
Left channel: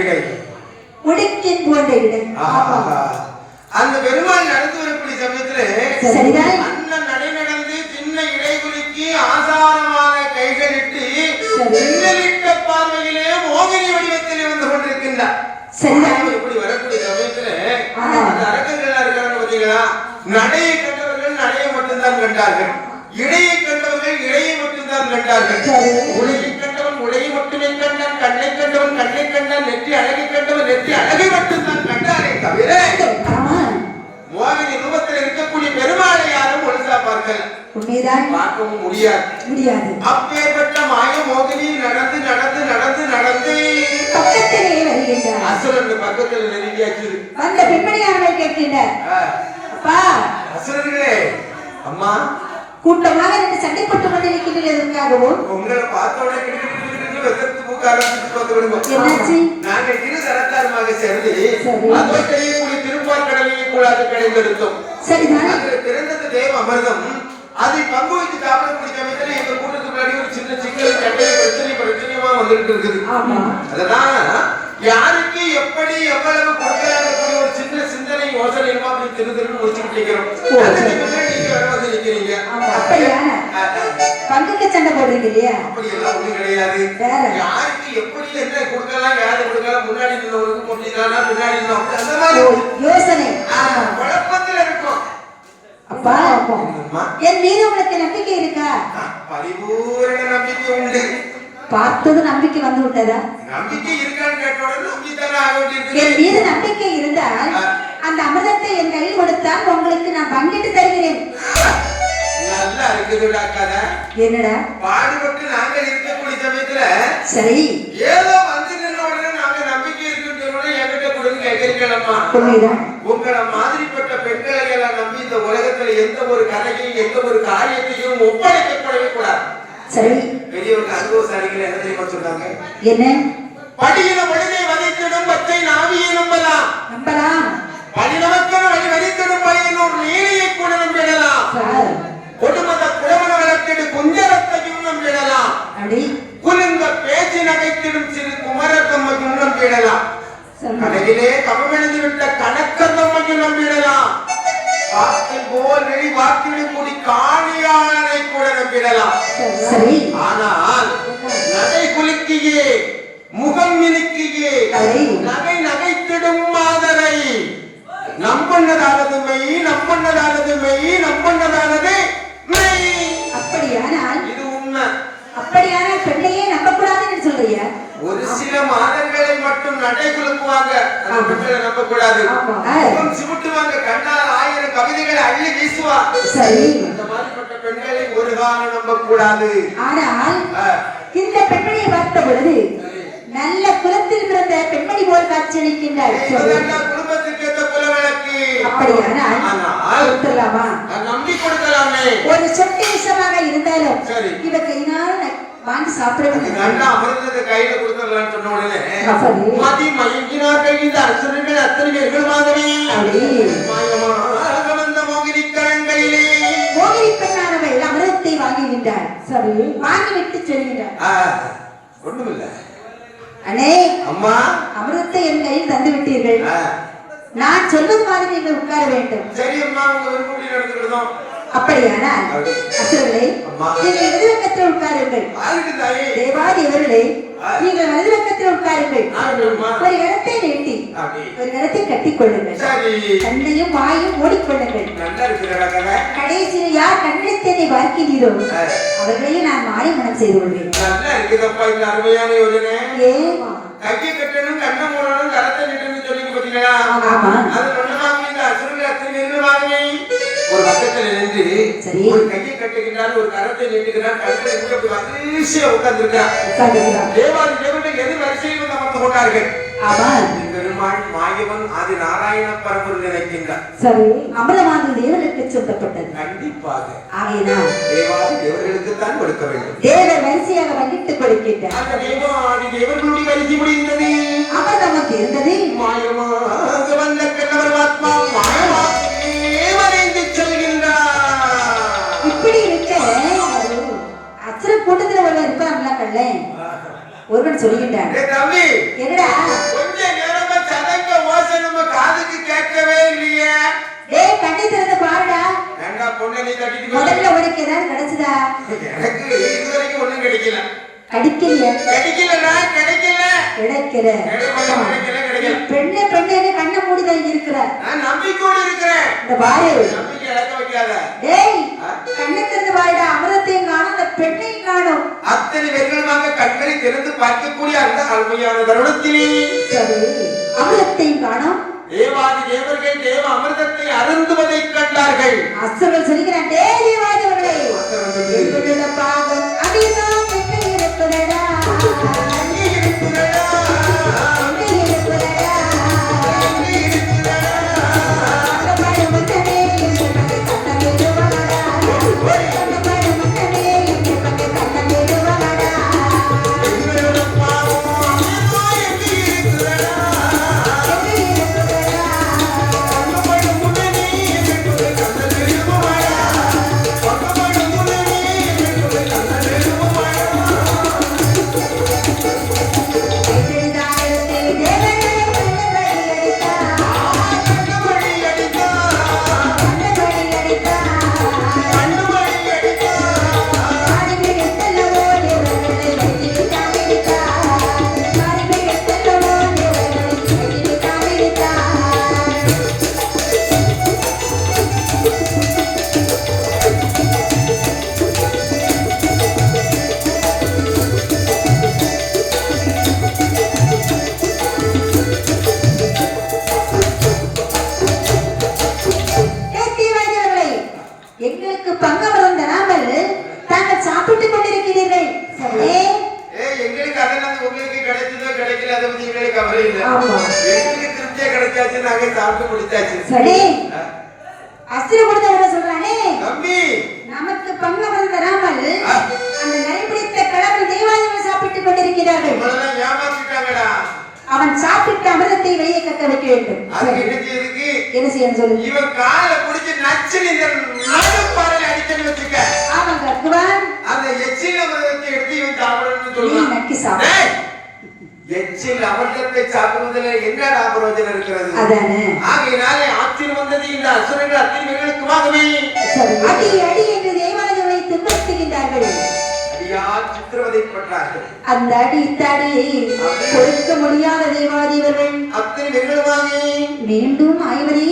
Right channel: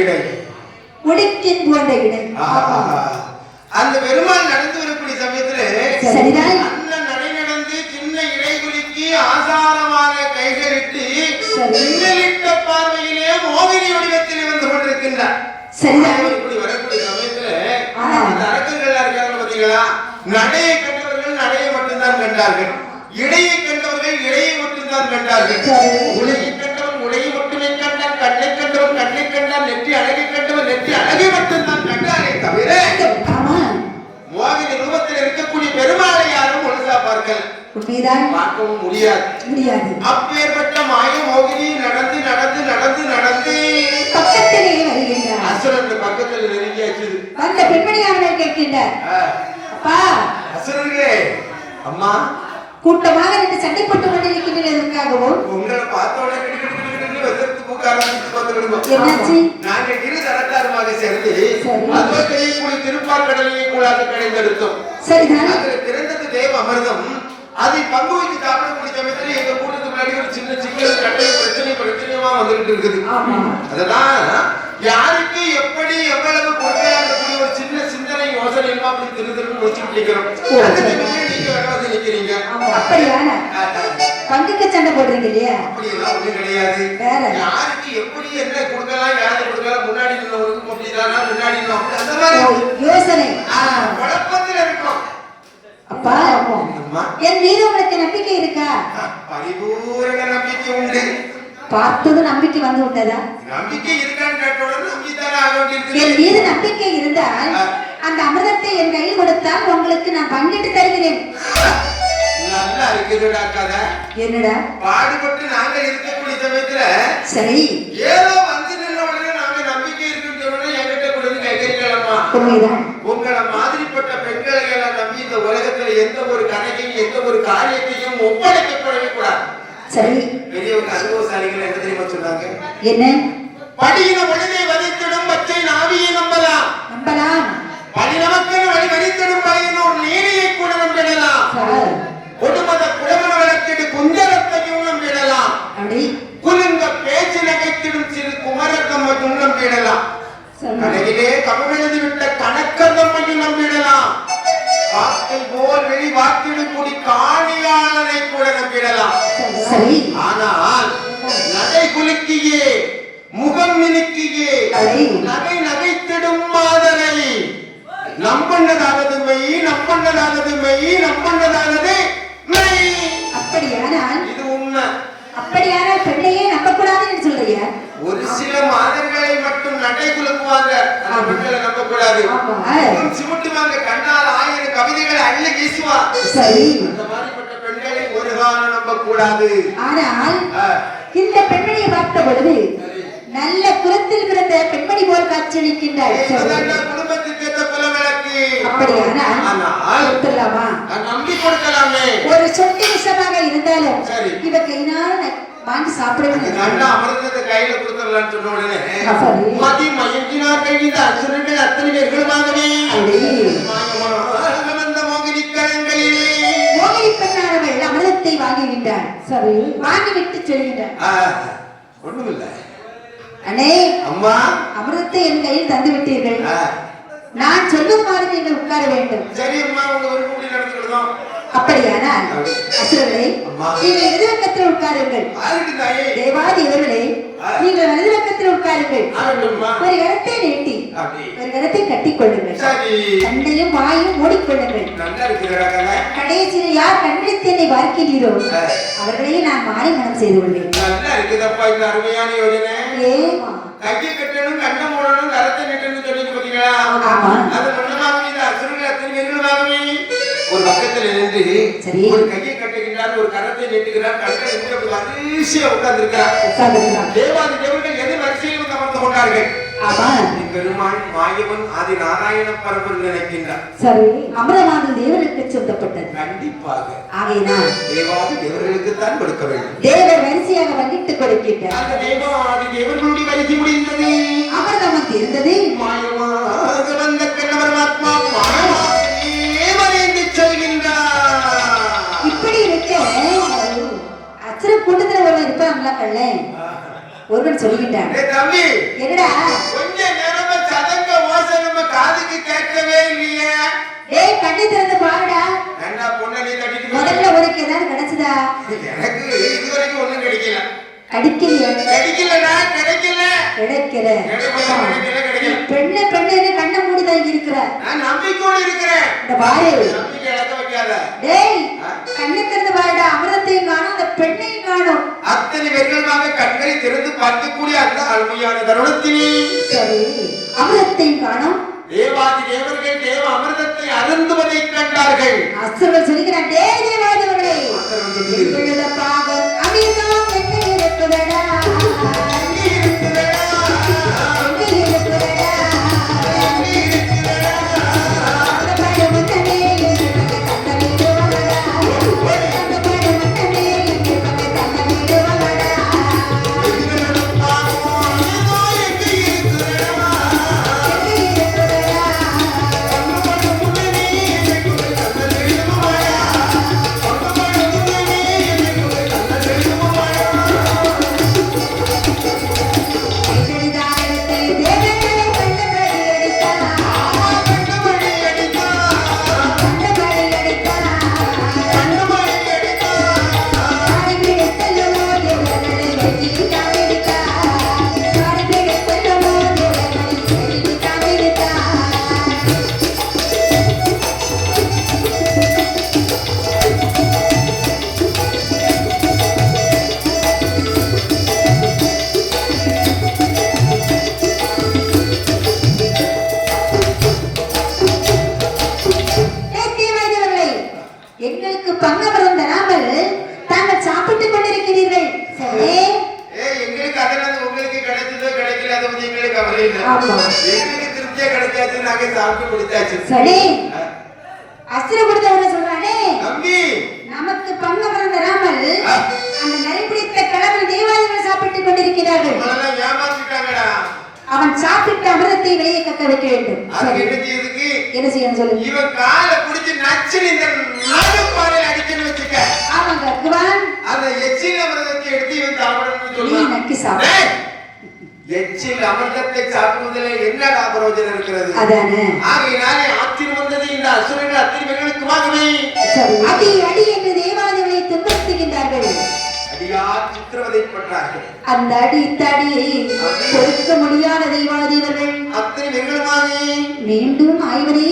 இடை உடுக்கின் போன்ற இடை. அந்த பெருமாள் நடந்து வரக்கூடிய சமயத்துல சரிதான். அண்ணன் நடை நடந்து சின்ன இடை குலுக்கி ஆசாரமாக கைகளிட்டு மின்னலிட்ட பார்வையிலே மோகினி வடிவத்தில் வந்து கொண்டிருக்கின்றார். சரிதான். இப்படி வரக்கூடிய சமயத்துல அந்த அரக்கர்கள் இருக்காங்க பாத்தீங்களா, நடையை கண்டவர்கள் நடையை மட்டும்தான் கண்டார்கள், இடையை கண்டவர்கள் இடையை மட்டும்தான் கண்டார்கள், உடையை கண்டவன் உடையை மட்டுமே கண்டான், கண்ணை கண்டவன் கண்ணை கண்டான், நெற்றி அழகை கண்டவன் நெற்றி அழகை மட்டும்தான் கண்டாரே தவிர மோகினி ரூபத்தில் இருக்கக்கூடிய பெருமாளை யாரும் முழுசா பார்க்கல, பார்க்கவும் முடியாது. அப்பேற்பட்ட மாய மோகினி நடந்து நடந்து நடந்து நடந்து அசுரன் பக்கத்தில் நெருங்கியாச்சு. அந்த பெண்மணியானவை கேட்கின்றார், அசுரர்களே அம்மா கூட்டமாக ரெண்டு சண்டை போட்டு கொண்டிருக்கின்றதற்காகவும் உங்களை பார்த்த உடனே நாங்கள் இரு தரத்தாருமாக சேர்ந்து அதோடைய திருப்பால் கடலையை கூடாது கிடைந்தெடுத்தோம். அதில் பிறந்தது தேவ அமிர்தம். அதை பங்கு வைத்து சாப்பிடக்கூடிய சமயத்தில் எங்க கூட்டத்துக்கு முன்னாடி ஒரு சின்ன சிக்கல் கட்டை பிரச்சனையுமா வந்துகிட்டு இருக்குது. அதனால யாருக்கு எப்படி எவ்வளவு கொடுக்கக்கூடிய ஒரு சின்ன சிந்தனை யோசனை அப்படி திரு முடிச்சுட்டு நிக்கிறோம். நீங்க வராது நிக்கிறீங்க. பங்குக்கு சண்டை போடுறீங்க இல்லையா? அப்படி எல்லாம் ஒண்ணு கிடையாது. யாருக்கு எப்படி என்ன கொடுக்கலாம், யாரு கொடுக்கலாம், முன்னாடி நின்னவருக்கு அப்படின்னா முன்னாடி அந்த மாதிரி யோசனை குழப்பத்தில் இருக்கும். அப்பா என் மீது உங்களுக்கு நம்பிக்கை இருக்கா? பரிபூரண நம்பிக்கை உண்டு. பார்த்தது நம்பிக்கை வந்து விட்டதா? நம்பிக்கை இருக்கான்னு கேட்டோட நம்பித்தானே ஆக வேண்டியிருக்கு. என் மீது நம்பிக்கை இருந்தால் அந்த அமிர்தத்தை என் கையில் கொடுத்தால் உங்களுக்கு நான் பங்கிட்டு தருகிறேன். நல்லா இருக்குதுடா கதை. என்னடா பாடுபட்டு நாங்கள் இருக்கக்கூடிய சமயத்துல சரி ஏதோ வந்து நின்றவுடனே நாங்க நம்பிக்கை இருக்குன்னு சொன்னோட என்கிட்ட கொடுத்து கேட்கிறீங்களம்மா. உங்களை மாதிரிப்பட்ட பெண்களை எல்லாம் நம்பி இந்த உலகத்துல எந்த ஒரு கதையும் எந்த ஒரு காரியத்தையும் ஒப்படைக்கப்படவே கூடாது. சரி பெரியவங்க அனுபவசாலிகள் என்ன தெரியுமா சொன்னாங்க? என்ன? படியின மனிதை வதைத்திடும் பச்சை நாவியை நம்பலாம், படி நமக்கென வழி வதைத்திடும் வயதினோர் நீரையை கூட நம்பிடலாம், கொடுமத குடமன வளர்த்திடு குஞ்சரத்தையும் நம்பிடலாம், குலுங்க பேச்சு நகைத்திடும் சிறு குமரத்தம்மையும் நம்பிடலாம், கடையிலே கபமெழுதி விட்ட கணக்கர் நம்மையும் நம்பிடலாம், காக்கை போல் வெளி வாக்கிடு கூடி காணியாளனை கூட நம்பிடலாம். ஆனால் நகை குலுக்கியே முகம் மினுக்கியே நகை நகைத்திடும் மாதரை நம்பண்ணதானது மெய், நம்பண்ணதானது மெய், நம்பண்ணதானது மெய். அப்படியானால் இது உண்மை. அப்படியான பெண்ணையே நம்பக்கூடாதுன்னு சொல்றியா? ஒரு சில மாதர்களை மட்டும் நடை குலுக்குவாங்க, பெண்களை நம்பக்கூடாது. சிமிட்டுவாங்க, கண்ணால் 1000 கவிதைகளை அள்ளி வீசுவாங்க. சரி அந்த மாதிரிப்பட்ட பெண்களை ஒரு காலம் நம்பக்கூடாது. ஆனால் இந்த பெண்மணியை பார்த்த பொழுது நல்ல குலத்தில் பிறந்த பெண்மணி போல் காட்சியளிக்கின்றார். குடும்பத்துக்கு ஏற்ற குலவிளக்கு. அப்படியானா நம்பி கொடுக்கலாமே. ஒரு சொட்டு விஷமாக இருந்தாலும் இவ கையினால வாங்கி சாப்பிடுவது அமிர்தத்தை கையில கொடுத்துடலான்னு சொன்ன உடனே மதி மயங்கினார்கள் இந்த அசுரர்கள் அத்தனை பேர்களுமாகவே மோகினி கரங்களிலே மோகினி பெண்ணானவள் அமிர்தத்தை வாங்கிவிட்டாள். சரி வாங்கிவிட்டு சொல்கின்றார், ஒண்ணுமில்லை அண்ணே அம்மா அமிர்தத்தை என் கையில் தந்து விட்டீர்கள், நான் சொல்லும் மாதிரி நீங்கள் உட்கார வேண்டும். சரி அம்மா, உங்க விருப்பப்படி நடந்துக்கிறோம். அப்படியானால் அசுரர்களே நீங்கள் எதிர்பக்கத்தில் உட்காருங்கள், தேவாதி அவர்களே நீங்கள் வலதுபக்கத்தில் உட்காருங்கள், ஒரு இடத்தை நீட்டி ஒரு இடத்தை கட்டிக் கொள்ளுங்கள், கண்ணையும் வாயும் மூடிக்கொள்ளுங்கள், கடைசியில் யார் கண்டித்தனை பார்க்கிறீரோ அவர்களையும் நான் மாறி மனம் செய்து கொள்வேன். நல்லா இருக்குதப்பா இந்த அருமையான யோஜனை. கையை கட்டணும், கண்ணை மூடணும், கரத்தை நிட்டணும் சொன்னீங்க பாத்தீங்களா? அது ஒண்ணுமாவே இந்த அசுரங்கள் அத்தனை பேர்களுமாகவே ஒரு பக்கத்துல நின்று ஒரு கையை கட்டுகிறார், ஒரு கரத்தை நீட்டுகிறார், கண்களை இருந்து அப்படி வரிசையா உட்கார்ந்திருக்கிறார். தேவாதி தேவர்கள் எது வரிசையில் வந்து அமர்ந்து கொண்டார்கள். பெருமாள் மாயவன் ஆதி நாராயண பரம்பரை நினைக்கின்றார். சரி அமரவாதி தேவனுக்கு சொல்லப்பட்டது. கண்டிப்பாக ஆகையினால் தேவாதி தேவர்களுக்கு தான் கொடுக்க வேண்டும். தேவர் வரிசையாக வகித்துக் கொடுக்கின்றார். அந்த தேவாதி தேவர்களுடைய வரிசை முடிந்தது, அமரதமம் இருந்தது. மாயமாக வந்த கண்ணமரமாத்மா மாயமாகவே வரைந்து செல்கின்றார். இப்படி இருக்க அசுர கூட்டத்தில் ஒருவர் இருப்பாங்களா? கல்ல ஒருவன் சொல்கின்றார், தம்பி என்னடா கிடைக்கல பெண்ணு பெண்ணு கண்ணை மூடிதான் இருக்கிற நான் நம்பிக்கையோடு இருக்கிறேன். இந்த பாரு நம்பிக்கை இழக்க வைக்காத. டேய் கண்ணு திறந்து பாருடா அமிர்தத்தையும் காணும் அந்த பெண்ணையும் காணும் அத்தனை வெகுளமாக கண்களை திறந்து பார்க்கக்கூடிய அந்த அருமையான தருணத்தினே சரி அமிர்தத்தையும் காணும் தேவாதி தேவர்கள் தேவ அமிர்தத்தை அருந்துவதை கண்டார்கள். அசுரன் சொல்கிறான் டேய் தேவாதி அவர்களே இவளுடைய பாகம் அமிர்தம் எங்கே இருக்குதடா எங்கே இருக்கிறதா? எங்கே இருக்குதடா எங்கே இருக்கிறதா? அந்த பாடு முன்னமே இந்த கண்ணே வாடா அந்த பாடு முன்னமே இந்த கண்ணே வாடா எங்களுடைய பாவம் அமிர்தம் எங்கே இருக்கிறதா? எங்களுக்கு பங்கவரம் தராமல் தாங்கள் சாப்பிட்டுக் கொண்டிருக்கிறீர்கள் சரி எங்களுக்கு அதெல்லாம் உங்களுக்கு கிடைச்சதோ கிடைக்கல அது வந்து எங்களுக்கு கவலை இல்லை. ஆமா. எங்களுக்கு திருப்தியா கிடைச்சாச்சு, நாங்க சாப்பிட்டு முடிச்சாச்சு. சரி அசுரபுரத்தை சொல்றானே தம்பி நமக்கு பங்கவரம் தராமல் அந்த நரிபிடித்த கடவுள் தேவாதிகள் சாப்பிட்டுக் கொண்டிருக்கிறார்கள் நம்மளெல்லாம் ஏமாத்திட்டாங்கடா. அவன் சாப்பிட்ட அமிர்தத்தை வெளியே கக்க வைக்க வேண்டும் அதுக்கு என்ன செய்யறதுக்கு? என்ன செய்யணும் சொல்லு இவன் காலை பிடிச்சு நச்சு இந்த நடுப்பாறையில அடிக்கடி வச்சுக்க. ஆமாங்க குரான் அந்த எச்சில் அமிர்தத்தை எடுத்து இவன் சாப்பிடணும்னு நீ சொல்லுவான். நக்கி சாப்பிடு டேய், எச்சில் அமிர்தத்தை சாப்பிடுவதில் என்னடா பிரயோஜனம் இருக்கிறது? அதானே ஆகையினாலே ஆற்றில் வந்தது இந்த அசுரர்கள் அத்திரிகளுக்கு வாங்கவே சரி அடி அடி என்று தேவாதிகளை துன்புறுத்துகின்றார்கள் அடியார் சித்திரவதைப்பட்டார்கள். அந்த அடி தடி பொறுக்க முடியாத தேவாதிவர்கள் அத்தனை வெகுளமாக மீண்டும் ஆய்வதை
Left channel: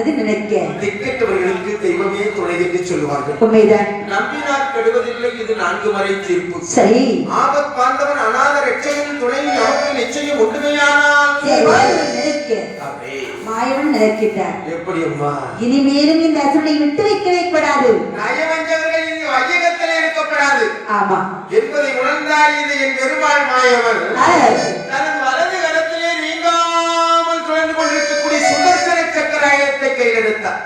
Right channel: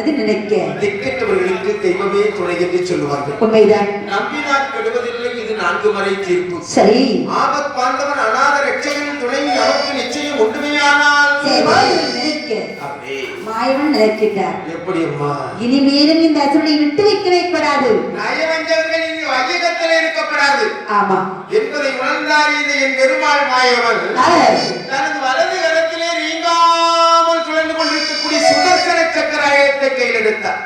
அது நினைக்க திக்கற்றவர்களுக்கு தெய்வமே துணை என்று சொல்லுவார்கள். உண்மைதான் நம்பினார் கெடுவதில்லை, இது 4 முறை தீர்ப்பு. சரி ஆபத் பாந்தவன் அநாத ரட்சகன் துணை நமக்கு நிச்சயம் ஒன்றுமையானால் நினைக்க அப்படியே. மாயவன் நினைக்கின்றார் எப்படி அம்மா? இனிமேலும் இந்த அசுரனை விட்டு வைக்க வைக்கப்படாது நயவஞ்சவர்கள் இந்த வையகத்தில் இருக்கப்படாது ஆமா என்பதை உணர்ந்தார் இது என் பெருமாள் மாயவன். தனது வலது கரத்திலே நீங்காமல் சுழன்று கொண்டிருக்கக்கூடிய சுதர்சன சக்கராயத்தை கையில் எடுத்தார்.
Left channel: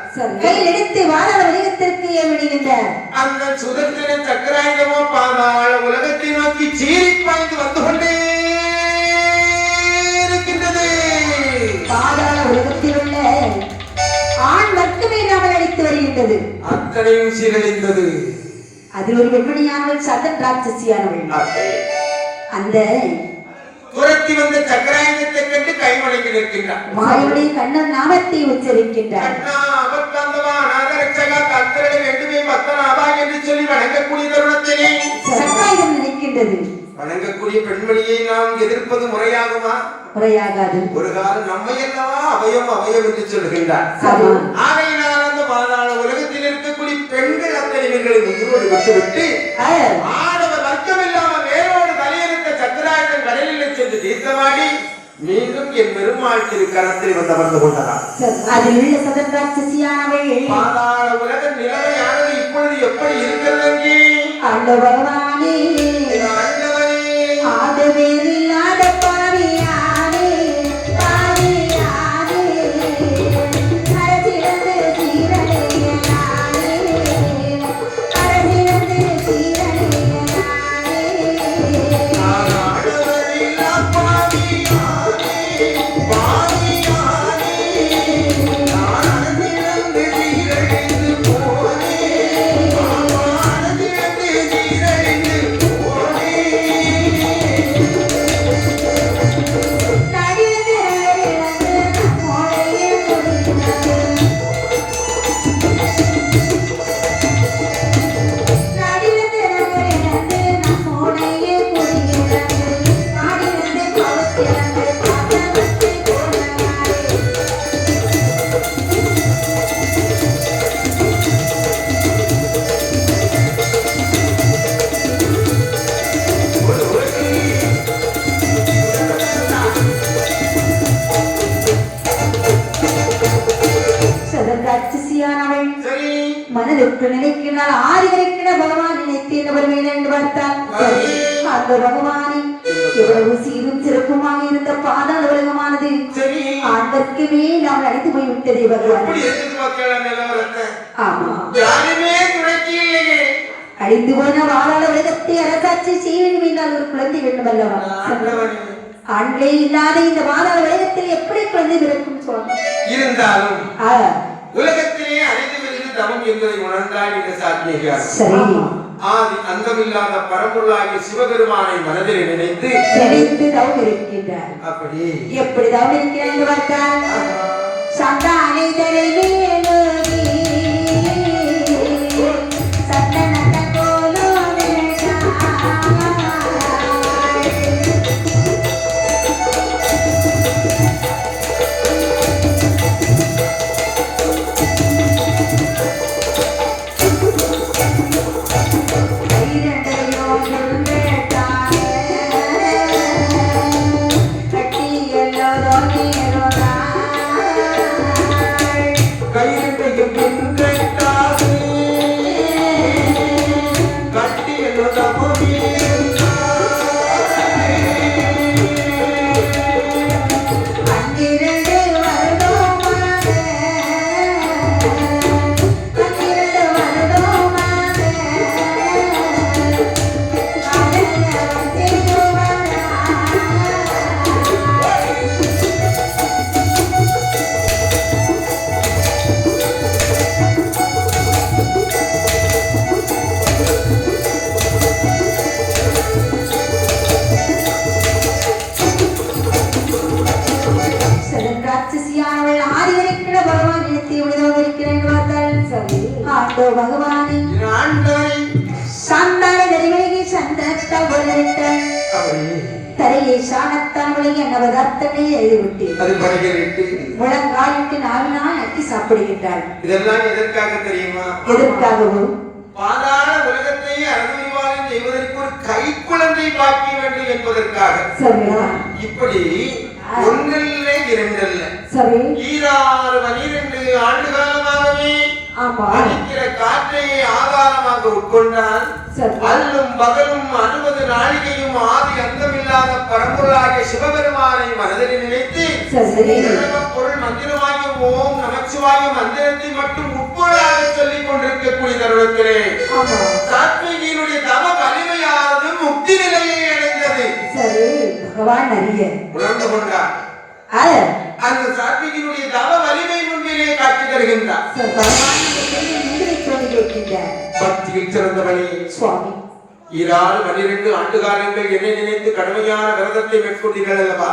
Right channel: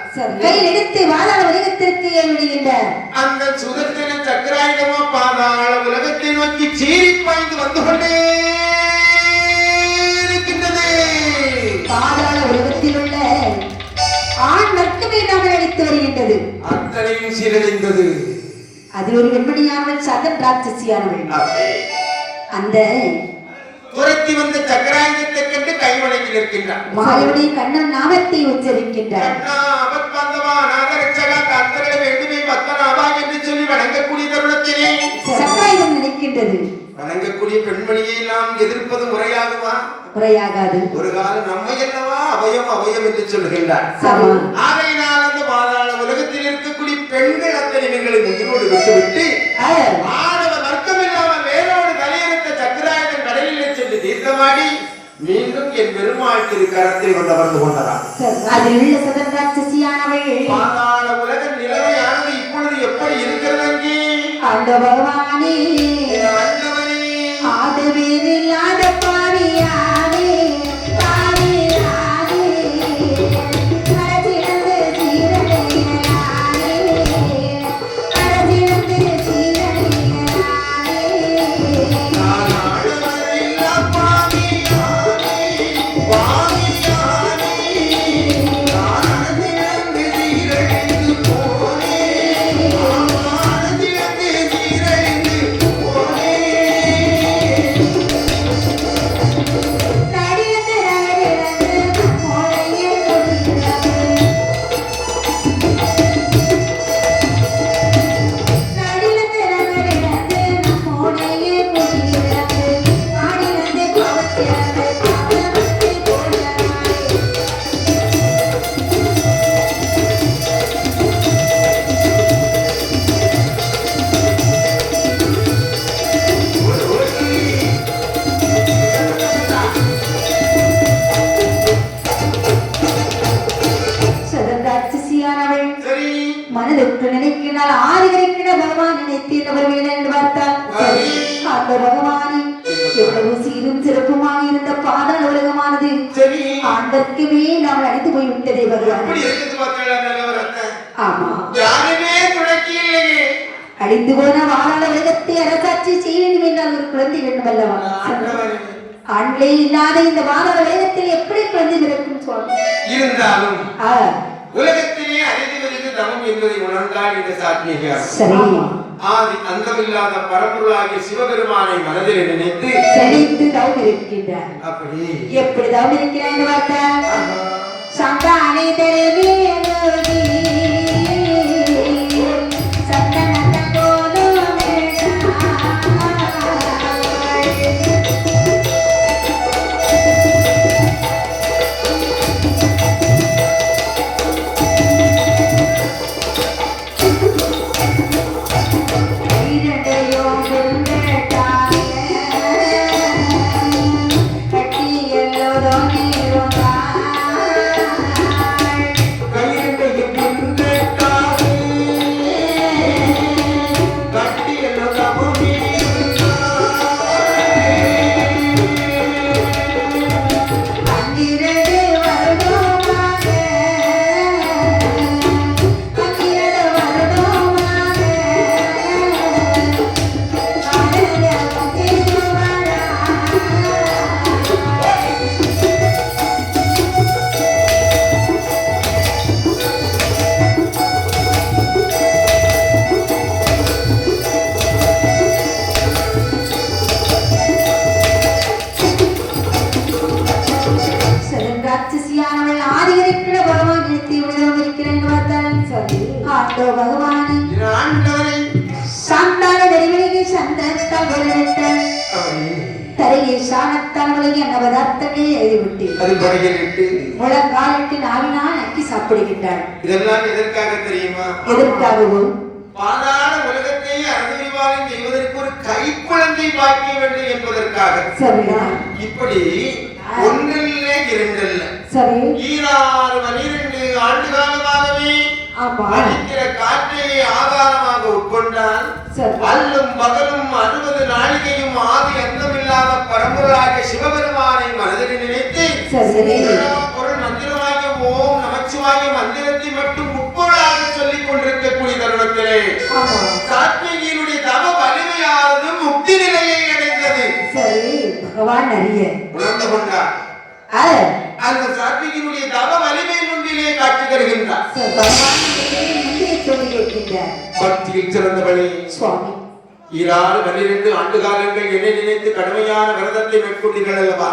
கையில் எடுத்து வாழ உலகத்திற்கு விடுகின்றார் அந்த சுதர்சன சக்கராயுதமோ பாதாள உலகத்தை நோக்கி சீறி பாய்ந்து வந்து கொண்டே இருக்கின்றது. பாதாள உலகத்தில் உள்ள ஆண் வர்க்கமே நாம் அழைத்து வருகின்றது அத்தனையும் சீரழிந்தது. அதில் ஒரு வெண்மணியானவள் சதன் ராட்சசியானவள் அந்த துரத்தி வந்த சக்கராயுதத்தை கண்டு கைவணங்கி நிற்கின்றார். வாயுடைய கண்ணன் நாமத்தை உச்சரிக்கின்றார் கண்ணா அபத்பந்தவா நாகரட்சகா தத்தரளை வேண்டுமே பத்தனாவா என்று சொல்லி வணங்கக்கூடிய தருணத்திலே சக்காயுதம் நினைக்கின்றது வணங்கக்கூடிய பெண்மணியை நாம் எதிர்ப்பது முறையாகுமா? முறையாகாது ஒரு காலம் நம்மை அல்லவா அவயம் அவயம் என்று சொல்கின்றார். ஆமா. ஆகையினால் அந்த பாதாள உலகத்தில் இருக்கக்கூடிய பெண்கள் அத்தனை பெண்களை உயிரோடு விட்டுவிட்டு ஆணவ வர்க்கம் இல்லாமல் வேரோடு தலையெடுத்த சக்கராயுதம் கடலில் சென்று தீர்த்தமாடி மீண்டும் என் பெருமாள் திரு கரத்தில் வந்து அமர்ந்து கொண்டார். அதில் உள்ள சதன் ராட்சசியானவள் பாதாள உலக நிலைமையானது இப்பொழுது எப்படி இருக்கிறது அங்கே? அந்த பகவானே ஆண்டவனே, ஆதவேறில்லாத பாவியானே பாவியானே அரசியந்து சீரழியலானே அரசியந்து சீரழியலானே நான் ஆண்டவனில்லா பாவியானே, பாவியானே, நான் அடங்கிடந்து சீரழிந்து போனேன், நான் அடங்கிடந்து சீரழிந்து ஆனால் ஆதிகரிக்கிற பகவான் நினைத்தவர் என்று பார்த்தால் அந்த பகவானை எவ்வளவு சீரும் சிறப்புமாக இருந்த பாதாள உலகமானது அதற்கு மேல் நாம் அடித்து போய்விட்டதே பகவான். ஆமா, அடித்து போன பாதாள உலகத்தை அரசாட்சி செய்ய வேண்டும் என்றால் ஒரு குழந்தை வேண்டும் அல்லவா? ஆண்களே இல்லாத இந்த பாதாள உலகத்தில் எப்படி குழந்தை பிறக்கும் சுவாமி? இருந்தாலும் உலகத்திலே அழிந்து வருவது தவம் என்பதை உணர்ந்தால் இந்த சாத்தியம். சரி, ஆதி அந்தமில்லாத பரம்பொருளாகிய சிவபெருமானை மனதில் நினைத்து தவம் இருக்கின்றார். அப்படி எப்படி தவம் இருக்கிறார் என்று பார்த்தால் சந்தானை தரவே இதெல்லாம் எதற்காக தெரியுமா? எதற்காகவும் பாதாள உலகத்தை அறுதிவாரம் செய்வதற்கு ஒரு கைக்குழந்தை பாக்கிய வேண்டும் என்பதற்காக. சரியா? இப்படி ஒன்றில்ல இரண்டல்ல, சரி, 12 ஆண்டு காலமாகவே அடிக்கிற காற்றை ஆதாரமாக உட்கொண்டால் அல்லும் பகலும் 60 நாழிகையும் ஆதி அந்தமில்லாத பரம்பொருளாக சிவபெருமானை மனதில் நினைத்து பொருள் மந்திரமாகிய ஓம் நமச்சிவாய மந்திரத்தை மட்டும் உட்பொருளாக சொல்லிக் கொண்டிருக்கக்கூடிய தருணத்திலே சாத்விகியினுடைய தவ வலிமையானது முக்தி நிலையை அடைந்தது. சரி, பகவான் அறிய உணர்ந்து கொண்டார். அந்த சாத்விகியினுடைய தவ வலிமை முன்பிலே காட்சி தருகின்றார். பக்தியில் சிறந்தவளே சுவாமி, 12 ஆண்டு காலங்கள் என்னை நினைத்து கடுமையான விரதத்தை மேற்கொண்டீர்கள் அல்லவா?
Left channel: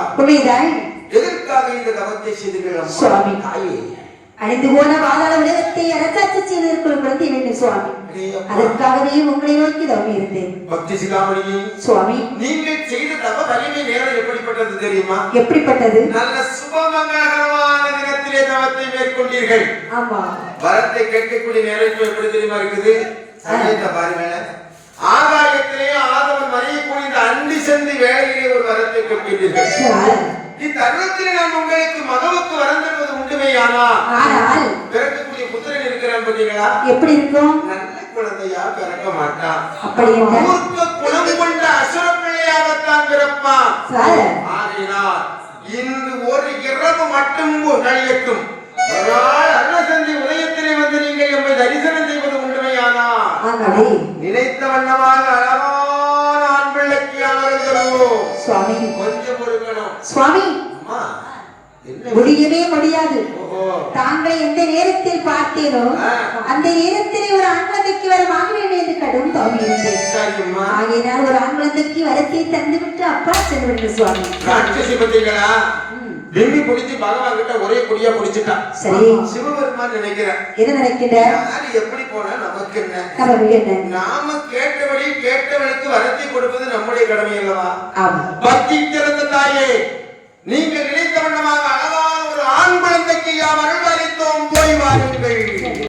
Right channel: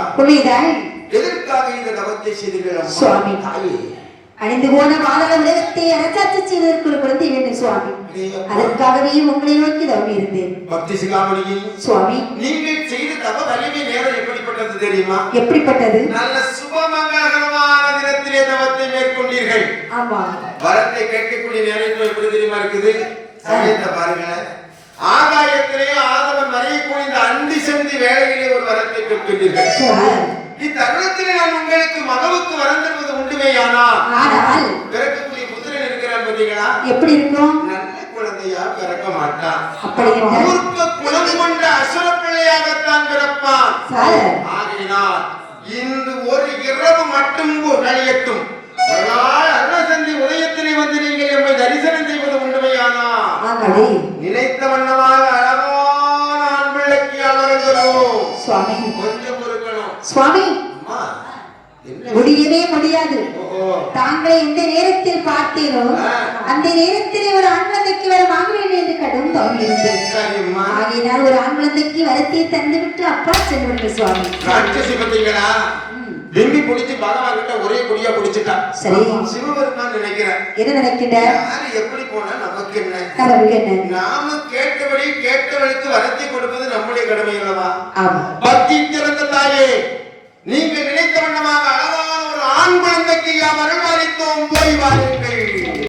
எதற்காக இந்த தவத்தை செய்தீர்கள் சுவாமி? அணிந்து போன பாதாள உலகத்தை அரசாட்சி செய்வதற்கு ஒரு குழந்தை வேண்டும் சுவாமி. அதற்காகவே உங்களை நோக்கி தவம் இருந்தேன். பக்தி சிகாமணியே சுவாமி, நீங்கள் செய்த தவ வலிமை நேரம் எப்படிப்பட்டது தெரியுமா? எப்படிப்பட்டது? நல்ல சுபமங்கலமான தினத்திலே தவத்தை மேற்கொண்டீர்கள். ஆமா, வரத்தை கேட்கக்கூடிய நேரம் எப்படி தெரியுமா இருக்குது? பாருங்க, ஆகாயத்திலே ஆதவன் மறைய போய் அண்டி சென்று வேளையிலே ஒரு வரத்தை கேட்கின்றீர்கள். இத்தருணத்தில் நான் உங்களுக்கு மகளுக்கு வரம் தருவது உண்டுமேயானால் பிறக்கக்கூடிய புத்திரன் இருக்கிறான் பார்த்தீங்களா? எப்படி இருக்கும்? நல்ல குழந்தையா பிறக்க மாட்டான். மூர்க்க குணம் கொண்ட அசுர பிள்ளையாகத்தான் பிறப்பான். ஆகையினால் இன்று ஒரு இரவு மட்டும் கழியட்டும். அருணசந்தி உதயத்திலே வந்து நீங்கள் நம்மை தரிசனம் செய்வது உண்டுமையானால் நினைத்த வண்ணமாக அழகான ஆண் பிள்ளைக்கு அமர்ந்தோ சுவாமி. கொஞ்சம் பொறுக்கணும் சுவாமி. முடியவே முடியாது. தாங்களை எந்த நேரத்தில் பார்த்தீரோ அந்த நேரத்திலே ஒரு ஆண் குழந்தைக்கு வரம் ஆக வேண்டும் என்று கடும் தவம் இருந்தேன். ஆகையினால் ஒரு ஆண் குழந்தைக்கு வரத்தை தந்துவிட்டு அப்பா சென்று விட்டு சுவாமி. ராட்சசி பார்த்தீங்களா? விம்மி பிடிச்சு பகவான் கிட்ட ஒரே குடியா பிடிச்சிட்டான். சரி, சிவபெருமான் நினைக்கிறேன். என்ன நினைக்கின்ற? எப்படி போனா நமக்கு என்ன? நமக்கு என்ன? நாம கேட்டபடி கேட்டவனுக்கு வரத்தை கொடுப்பது நம்முடைய கடமை அல்லவா? ஆமா. பக்தி திறந்த தாயே, நீங்க நினைத்த வண்ணமாக அழகான ஒரு ஆண் குழந்தைக்கு யாம் அருள் அளித்தோம், போய் வாருங்கள்.